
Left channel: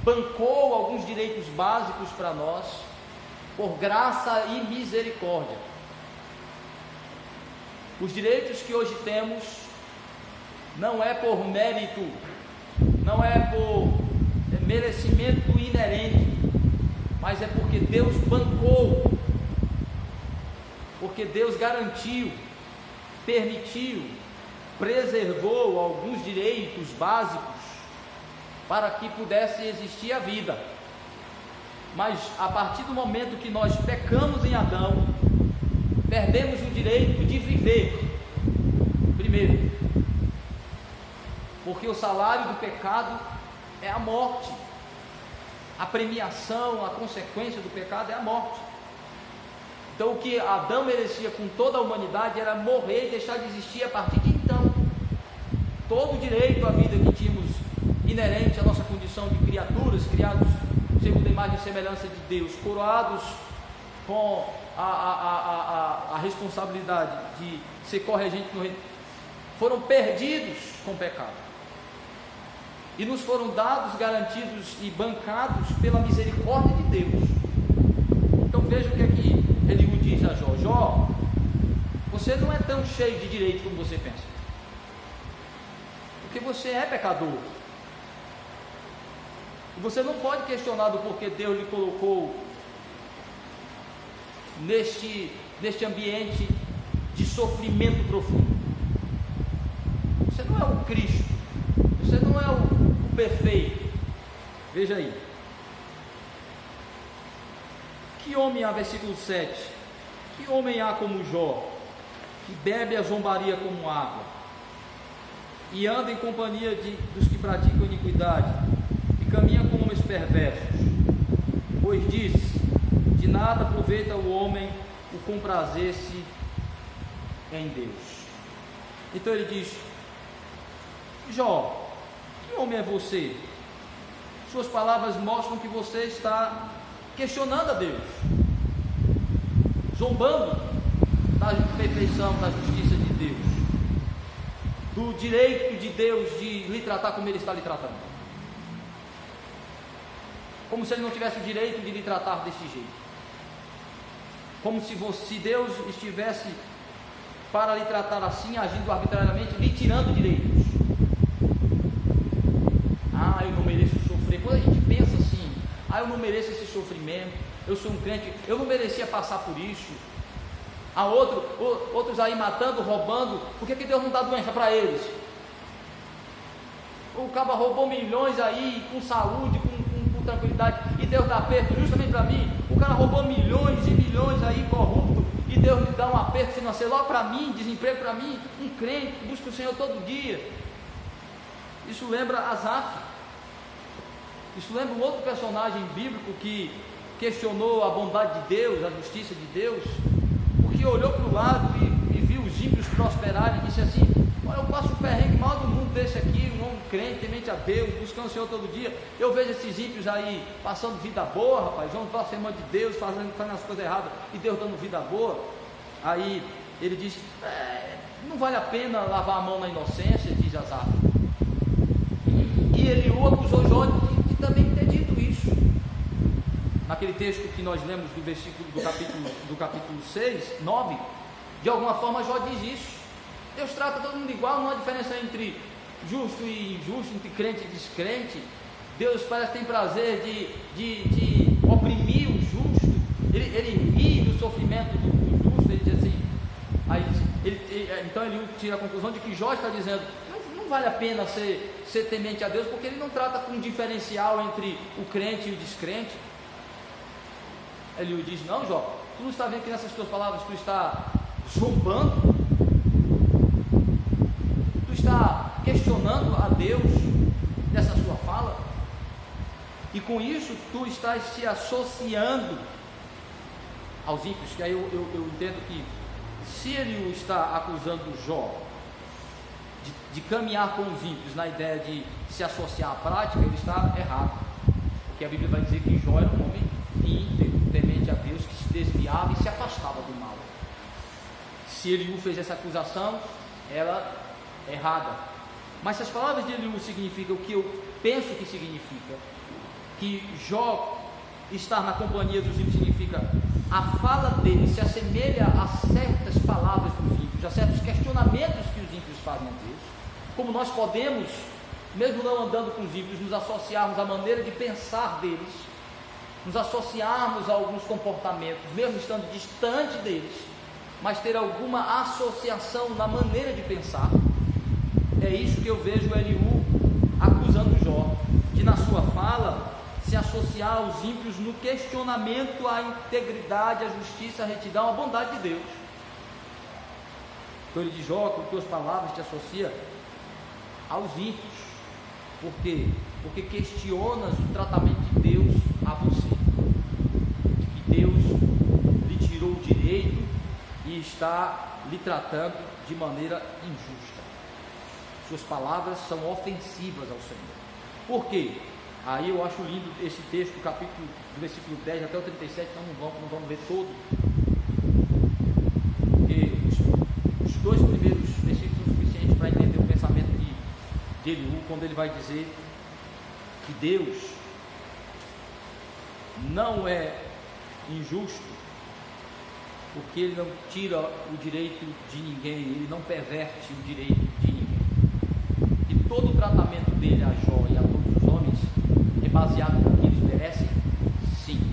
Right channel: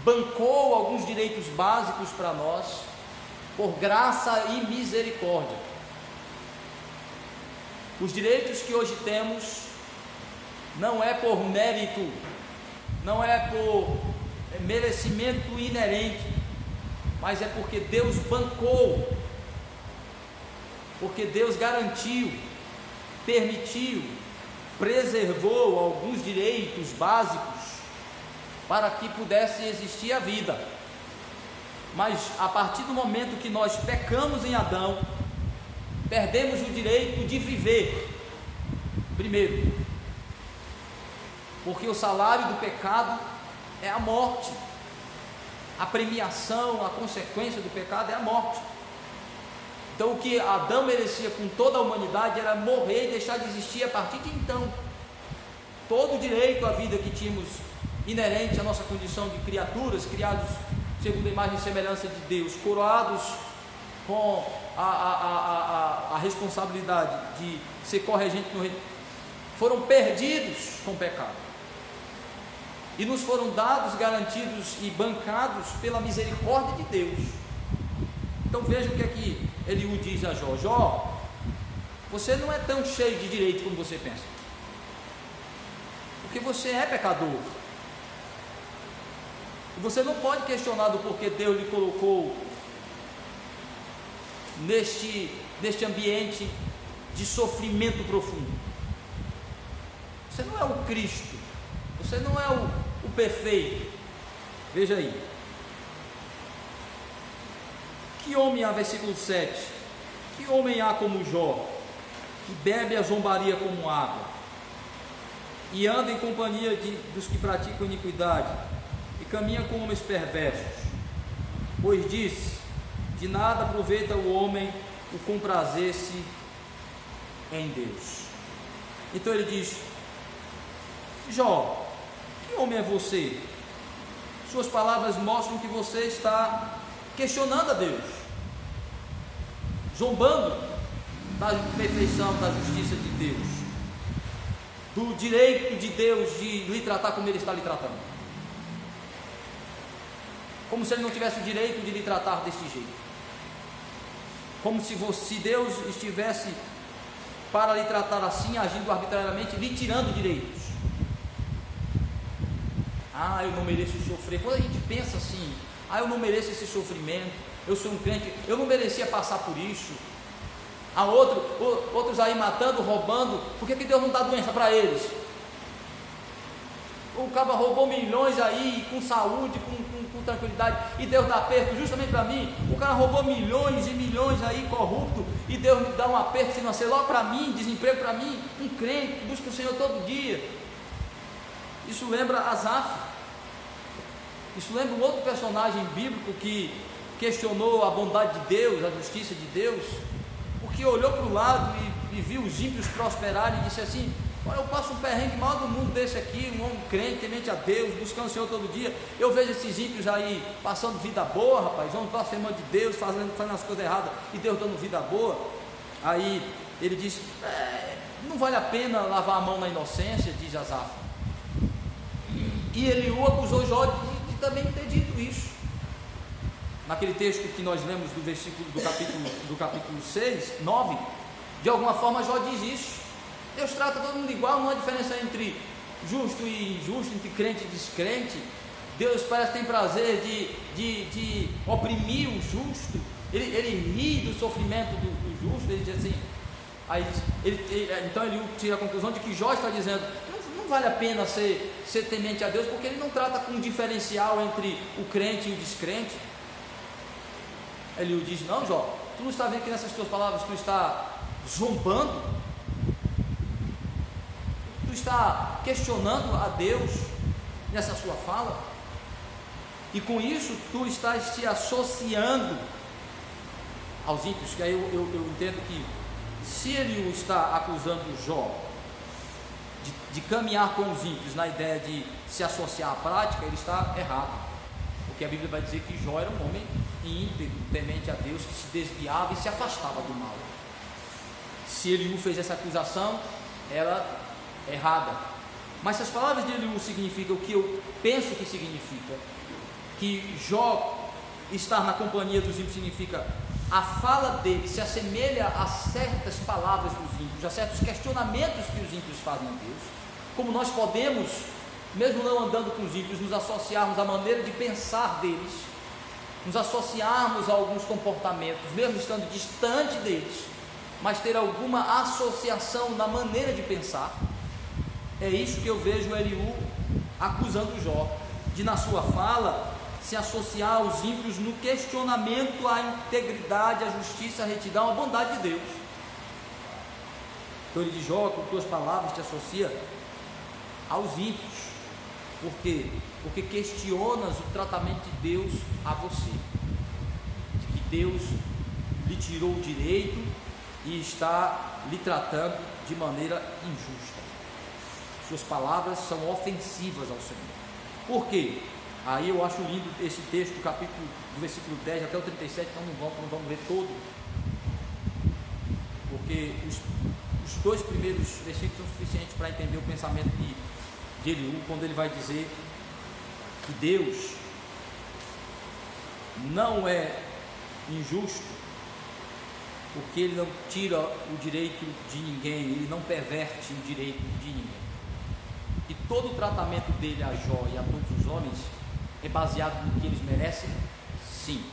bancou alguns direitos básicos para nós, por graça e misericórdia. Os direitos que hoje temos não é por mérito, não é por merecimento inerente, mas é porque Deus bancou, porque Deus garantiu, permitiu, preservou alguns direitos básicos para que pudesse existir a vida. Mas a partir do momento que nós pecamos em Adão, perdemos o direito de viver. Primeiro, porque o salário do pecado é a morte, a premiação, a consequência do pecado é a morte. Então o que Adão merecia com toda a humanidade era morrer e deixar de existir a partir de então. Todo o direito à vida que tínhamos inerente à nossa condição de criaturas, criados segundo a imagem e semelhança de Deus, coroados com a responsabilidade de ser corregente no reino, foram perdidos com o pecado e nos foram dados, garantidos e bancados pela misericórdia de Deus. Então veja o que é que Eliú diz a Jó: Jó, você não é tão cheio de direito como você pensa, porque você é pecador, e você não pode questionar do porquê Deus lhe colocou neste ambiente de sofrimento profundo. Você não é o Cristo, você não é o perfeito. Veja aí, que homem há, versículo 7, que homem há como Jó, que bebe a zombaria como água, e anda em companhia dos que praticam iniquidade, e caminha com homens perversos? Pois diz: de nada aproveita o homem o comprazer-se em Deus. Então ele diz: Jó, que homem é você? Suas palavras mostram que você está questionando a Deus, zombando da perfeição, da justiça de Deus, do direito de Deus de lhe tratar como Ele está lhe tratando, como se Ele não tivesse o direito de lhe tratar deste jeito, como se Deus estivesse para lhe tratar assim, agindo arbitrariamente, lhe tirando direitos. Eu não mereço sofrer. Quando a gente pensa assim, eu não mereço esse sofrimento, eu sou um crente, eu não merecia passar por isso. Há outros aí matando, roubando, por que Deus não dá doença para eles? O cara roubou milhões aí, com saúde, com tranquilidade, e Deus dá aperto justamente para mim. O cara roubou milhões e milhões aí, corrupto, e Deus me dá um aperto financeiro logo para mim, desemprego para mim. Um crente que busca o Senhor todo dia. Isso lembra Asaf. Isso lembra um outro personagem bíblico que questionou a bondade de Deus, a justiça de Deus, porque olhou para o lado e viu os ímpios prosperarem e disse assim: olha, eu passo um perrengue maior do mundo desse aqui, um homem crente, temente a Deus, buscando o Senhor todo dia. Eu vejo esses ímpios aí passando vida boa, rapaz, homens blasfemando de Deus, fazendo as coisas erradas, e Deus dando vida boa. Aí ele disse: não vale a pena lavar a mão na inocência, diz Asaf. E Eliú acusou Jó de também ter dito isso. Naquele texto que nós lemos do versículo do capítulo 6, 9, de alguma forma Jó diz isso. Deus trata todo mundo igual, não há diferença entre justo e injusto, entre crente e descrente. Deus parece que tem prazer de oprimir o justo. Ele ri do sofrimento do justo. Ele diz assim, então ele tira a conclusão de que Jó está dizendo: não vale a pena ser temente a Deus, porque ele não trata com um diferencial entre o crente e o descrente. Ele diz: não, Jó, tu não está vendo que nessas tuas palavras tu está zombando, tu está questionando a Deus nessa sua fala, e com isso tu estás te associando aos ímpios. Que aí eu entendo que se ele está acusando Jó de caminhar com os ímpios na ideia de se associar à prática, ele está errado, porque a Bíblia vai dizer que Jó era um homem íntegro, temente a Deus, que se desviava e se afastava do mal. Se Eliú fez essa acusação, ela é errada. Mas se as palavras de Eliú significam o que eu penso que significa, que Jó estar na companhia dos ímpios significa a fala dele se assemelha a certas palavras dos ímpios, a certos questionamentos que os ímpios fazem a Deus, como nós podemos, mesmo não andando com os ímpios, nos associarmos à maneira de pensar deles, nos associarmos a alguns comportamentos, mesmo estando distante deles, mas ter alguma associação na maneira de pensar. É isso que eu vejo Eliú acusando Jó, de na sua fala se associar aos ímpios no questionamento à integridade, à justiça, à retidão, à bondade de Deus. Então ele diz: Jó, com tuas palavras te associa aos ímpios. Por quê? Porque questionas o tratamento de Deus a você, de que Deus lhe tirou o direito e está lhe tratando de maneira injusta. Suas palavras são ofensivas ao Senhor. Por quê? Aí eu acho lindo esse texto do versículo 10 até o 37, então não vamos ler todo, porque os dois primeiros versículos são suficientes para entender o pensamento de Eliú, quando ele vai dizer que Deus não é injusto, porque ele não tira o direito de ninguém, ele não perverte o direito de ninguém. E todo o tratamento dele a Jó e a todos os homens é baseado no que eles merecem? Sim.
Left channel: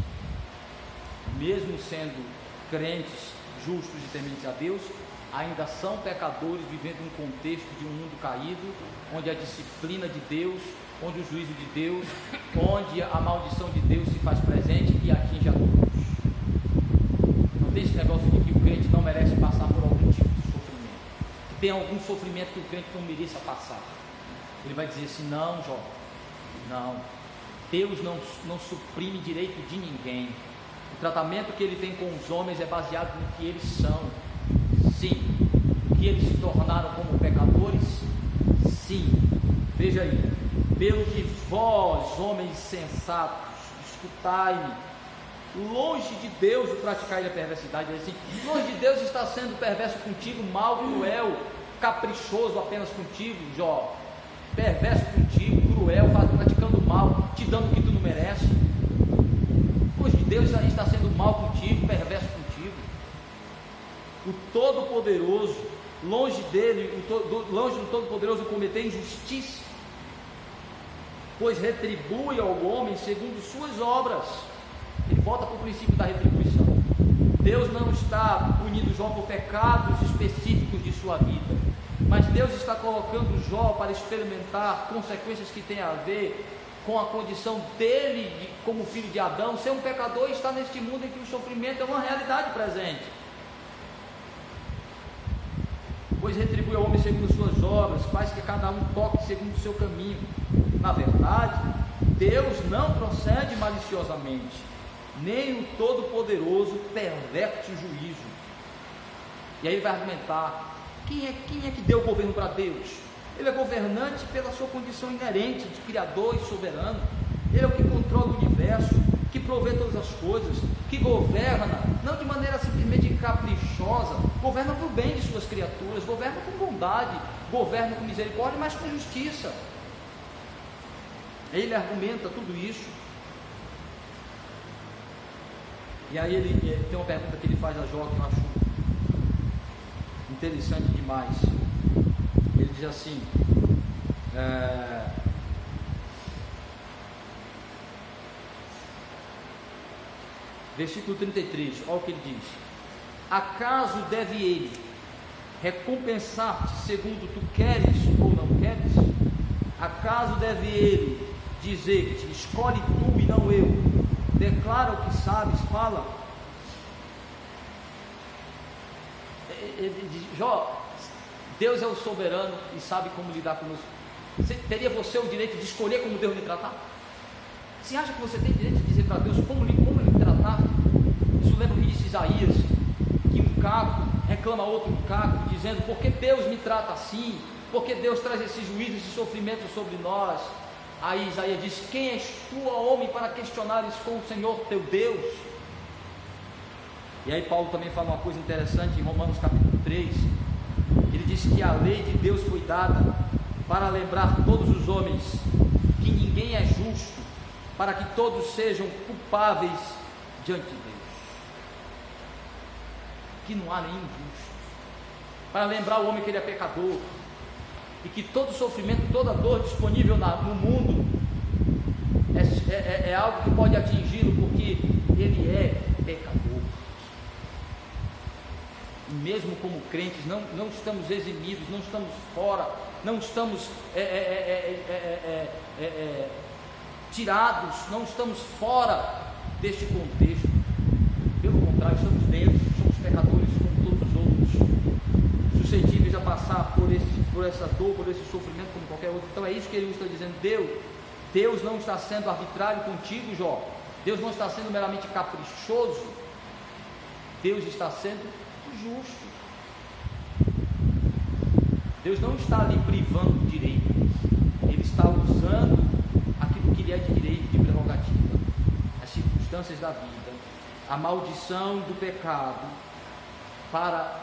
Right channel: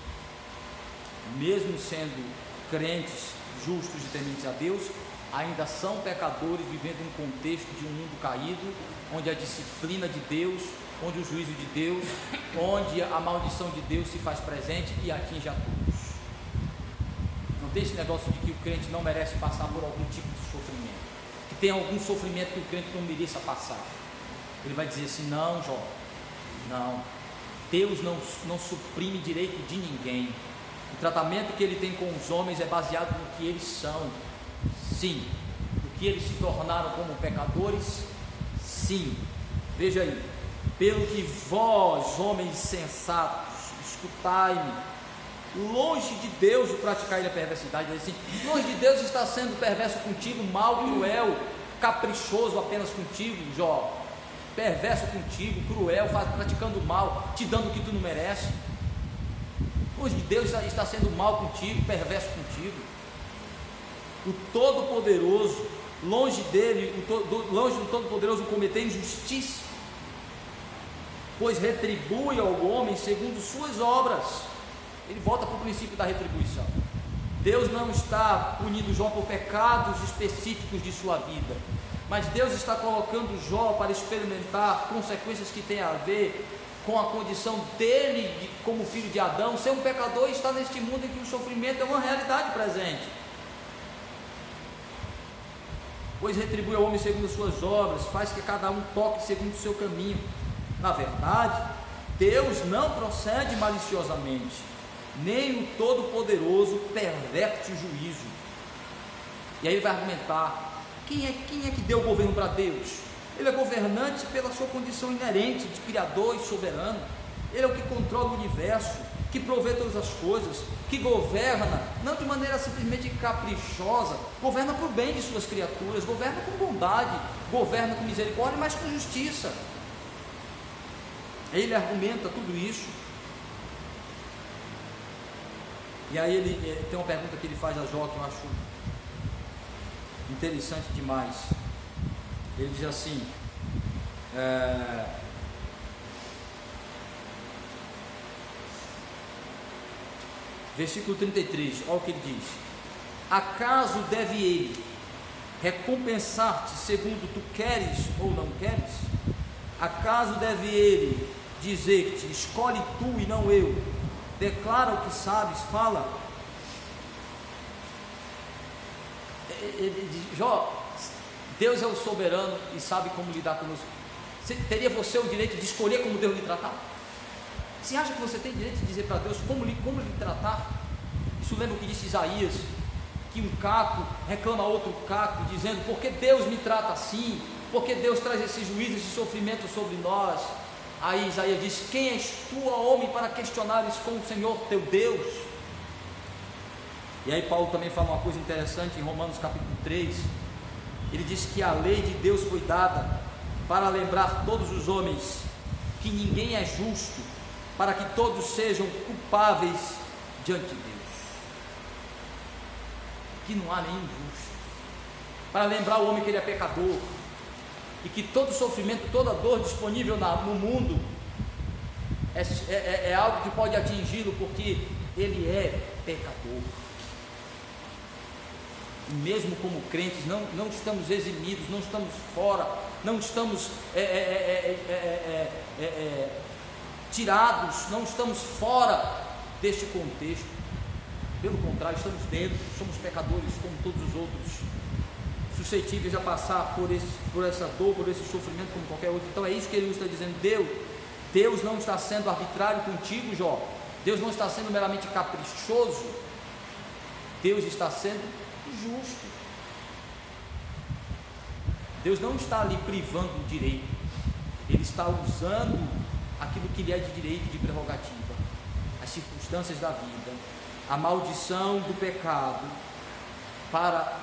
Mesmo sendo crentes, justos e tementes a Deus, ainda são pecadores, vivendo um contexto de um mundo caído, onde a disciplina de Deus, onde o juízo de Deus, onde a maldição de Deus se faz presente e atinge a todos. Não tem esse negócio de que o crente não merece passar por algum tipo de sofrimento, que tem algum sofrimento que o crente não mereça passar. Ele vai dizer assim: não, Jó, não, Deus não suprime direito de ninguém. O tratamento que ele tem com os homens é baseado no que eles são. Sim. O que eles se tornaram como pecadores? Sim. Veja aí: pelo que vós, homens sensatos, escutai-me, longe de Deus o praticar a perversidade. Assim, longe de Deus está sendo perverso contigo, mau, cruel, caprichoso apenas contigo, Jó, perverso contigo, cruel, praticando mal, te dando o que tu não merece. Longe de Deus está sendo mal contigo, perverso contigo. O Todo-Poderoso, longe dele, longe do Todo-Poderoso cometer injustiça, pois retribui ao homem segundo suas obras. Ele volta para o princípio da retribuição. Deus não está punindo Jó por pecados específicos de sua vida, mas Deus está colocando Jó para experimentar consequências que têm a ver com a condição dele como filho de Adão, ser um pecador e estar neste mundo em que o sofrimento é uma realidade presente. Pois retribui ao homem segundo as suas obras, faz que cada um toque segundo o seu caminho. Na verdade, Deus não procede maliciosamente, nem o Todo-Poderoso perverte o juízo. E aí ele vai argumentar: quem é que deu o governo para Deus? Ele é governante pela sua condição inerente de criador e soberano. Ele é o que controla o universo, que provê todas as coisas, que governa, não de maneira simplesmente caprichosa, governa para o bem de suas criaturas, governa com bondade, governa com misericórdia, mas com justiça. Ele argumenta tudo isso. E aí ele tem uma pergunta que ele faz a Jó que eu acho interessante demais. Ele diz assim: versículo 33, olha o que ele diz: acaso deve ele recompensar-te segundo tu queres ou não queres? Acaso deve ele dizer-te: escolhe tu e não eu, declara o que sabes, fala? Ele diz: Jó, Deus é o soberano e sabe como lidar conosco. Teria você o direito de escolher como Deus lhe tratar? Você acha que você tem direito de dizer para Deus como lhe tratar? Isso lembra o que disse Isaías, que um caco reclama outro caco, dizendo: por que Deus me trata assim? Por que Deus traz esse juízo, esse sofrimento sobre nós? Aí Isaías diz: quem és tu, homem, para questionares com o Senhor teu Deus? E aí Paulo também fala uma coisa interessante em Romanos capítulo 3. Ele diz que a lei de Deus foi dada para lembrar todos os homens que ninguém é justo, para que todos sejam culpáveis diante de Deus, que não há nenhum justo, para lembrar o homem que ele é pecador, e que todo sofrimento, toda dor disponível no mundo é algo que pode atingi-lo, porque ele é pecador. E mesmo como crentes, não estamos eximidos, não estamos fora, não estamos tirados, não estamos fora deste contexto. Pelo contrário, estamos dentro, somos pecadores como todos os outros, suscetíveis a passar por essa dor, por esse sofrimento como qualquer outro. Então é isso que ele está dizendo. Deus não está sendo arbitrário contigo, Jó. Deus não está sendo meramente caprichoso. Deus está sendo justo. Deus não está ali privando o direito. Ele está usando aquilo que lhe é de direito, de prerrogativa, as circunstâncias da vida, a maldição do pecado, para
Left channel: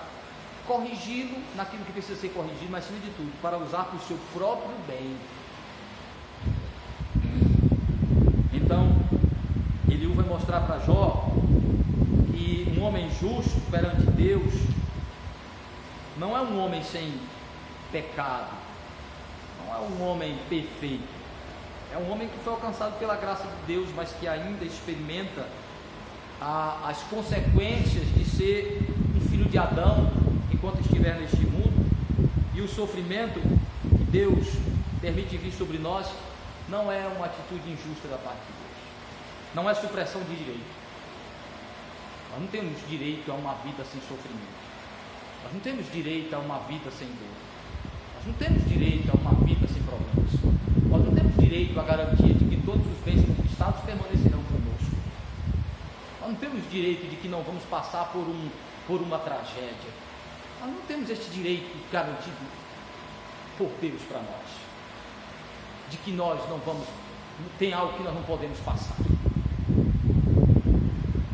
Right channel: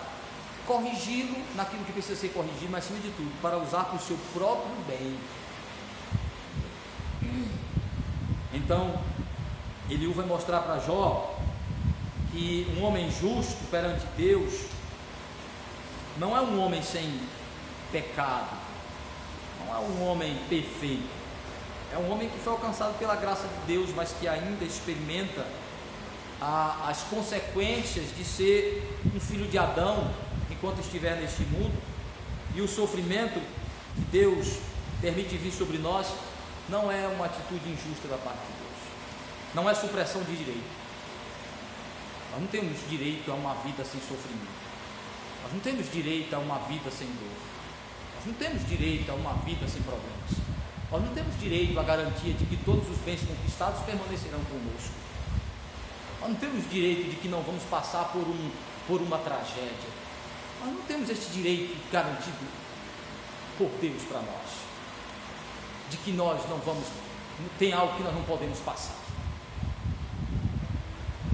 corrigi-lo naquilo que precisa ser corrigido, mas acima de tudo, para usar para o seu próprio bem. Então, Eliú vai mostrar para Jó que um homem justo perante Deus não é um homem sem pecado, não é um homem perfeito, é um homem que foi alcançado pela graça de Deus, mas que ainda experimenta as consequências de ser um filho de Adão enquanto estiver neste mundo, e o sofrimento que Deus permite vir sobre nós não é uma atitude injusta da parte de Deus, não é supressão de direito. Nós não temos direito a uma vida sem sofrimento, nós não temos direito a uma vida sem dor, nós não temos direito a uma vida sem problemas, nós não temos direito à garantia de que todos os bens conquistados permanecerão conosco, nós não temos direito de que não vamos passar por uma tragédia, nós não temos este direito garantido por Deus para nós, de que nós não vamos, tem algo que nós não podemos passar.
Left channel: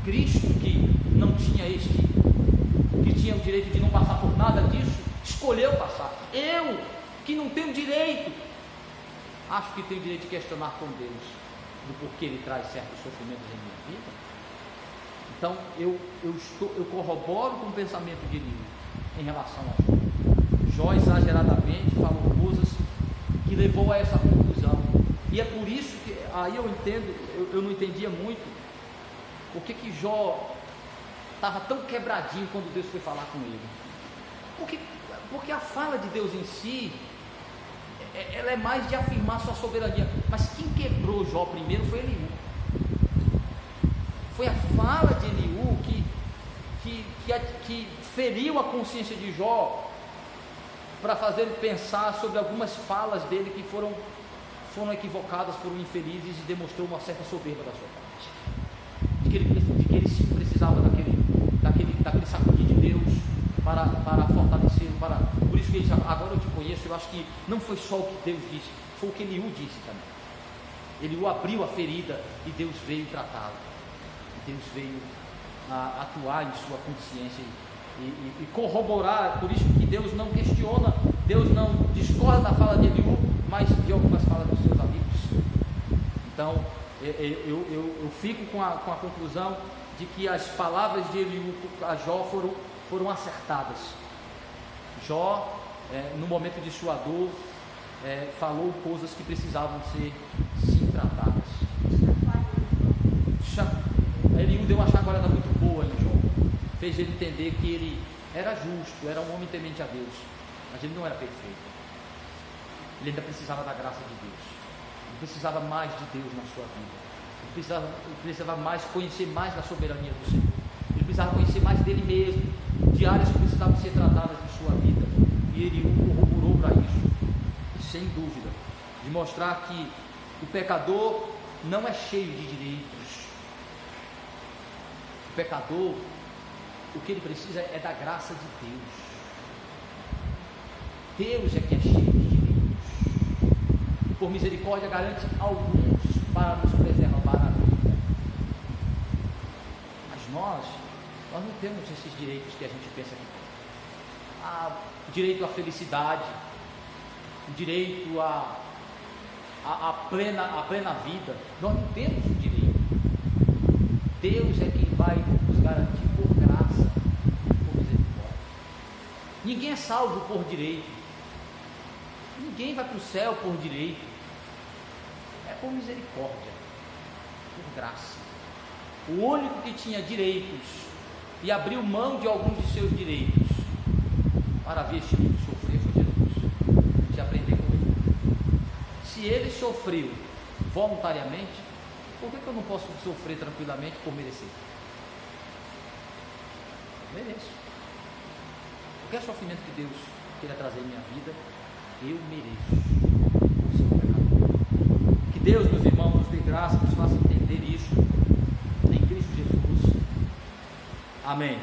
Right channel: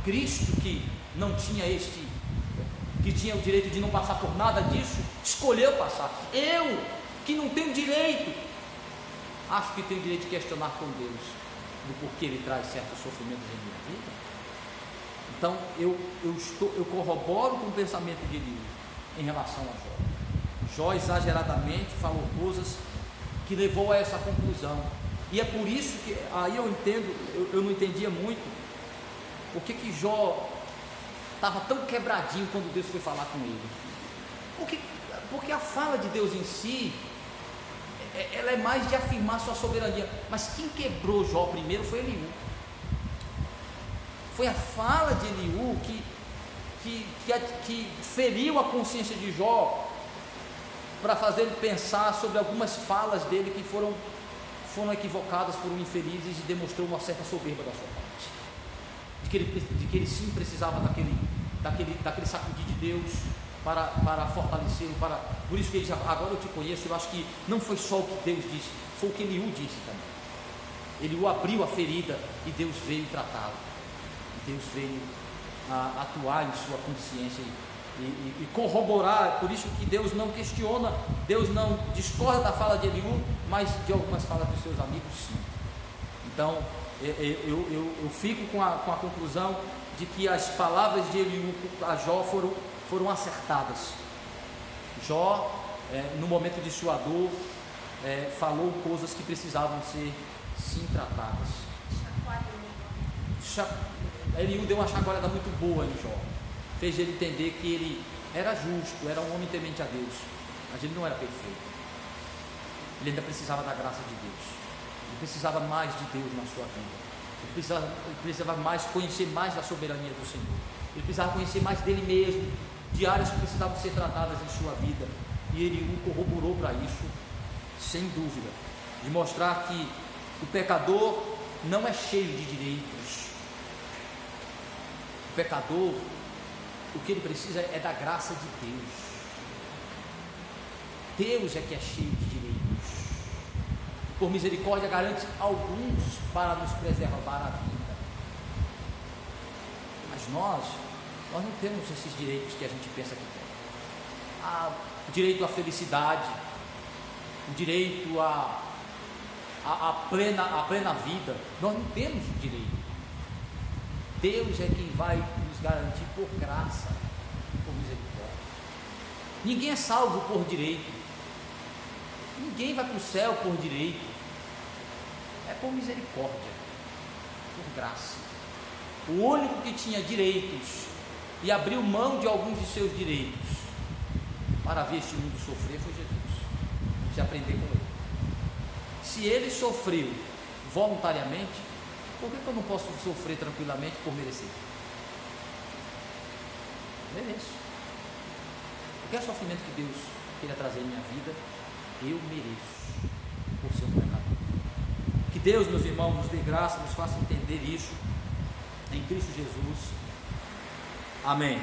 Cristo, que não tinha que tinha o direito de não passar por nada disso, escolheu passar. Eu, que não tenho direito, acho que tenho direito de questionar com Deus do porquê Ele traz certos sofrimentos em minha vida. Então eu corroboro com o pensamento de Eliú em relação a Jó. Jó exageradamente falou coisas que levou a essa conclusão, e é por isso que aí eu entendo, eu não entendia muito por que Jó estava tão quebradinho quando Deus foi falar com ele. Porque a fala de Deus em si, ela é mais de afirmar sua soberania, mas quem quebrou Jó primeiro foi Eliú. Foi a fala de Eliú que feriu a consciência de Jó, para fazer ele pensar sobre algumas falas dele que foram equivocadas, foram infelizes, e demonstrou uma certa soberba da sua parte, de que ele sim precisava daquele sacudir de Deus para fortalecê-lo, por isso que ele diz: agora eu te conheço. Eu acho que não foi só o que Deus disse, foi o que Eliú disse também. Eliú abriu a ferida e Deus veio tratá-lo, Deus veio atuar em sua consciência e corroborar. Por isso que Deus não questiona, Deus não discorda da fala de Eliú, mas de algumas falas dos seus amigos. Então eu fico com a conclusão de que as palavras de Eliú a Jó foram acertadas. Jó, no momento de sua dor, falou coisas que precisavam ser sim tratadas. Eliú deu uma chacoalhada muito boa em Jó, fez ele entender que ele era justo, era um homem temente a Deus, mas ele não era perfeito, ele ainda precisava da graça de Deus, ele precisava mais de Deus na sua vida, ele precisava mais, conhecer mais da soberania do Senhor, ele precisava conhecer mais dele mesmo, de áreas que precisavam ser tratadas em sua vida, e ele corroborou para isso, sem dúvida, de mostrar que o pecador não é cheio de direitos. O pecador, o que ele precisa é da graça de Deus. Deus é que é cheio de direitos. Por misericórdia garante alguns para nos preservar a vida. Mas nós não temos esses direitos que a gente pensa que tem. O direito à felicidade, o direito à plena vida. Nós não temos o direito. Deus é quem vai nos garantir por graça, por misericórdia. Ninguém é salvo por direito, ninguém vai para o céu por direito, é por misericórdia, por graça. O único que tinha direitos e abriu mão de alguns de seus direitos para ver este mundo sofrer foi Jesus. A gente aprender com ele. Se ele sofreu voluntariamente, por que eu não posso sofrer tranquilamente por merecer? Mereço. qualquer sofrimento que Deus queira trazer em minha vida, eu mereço por ser um pecador. Que Deus, meus irmãos, nos dê graça, nos faça entender isso em Cristo Jesus. Amém.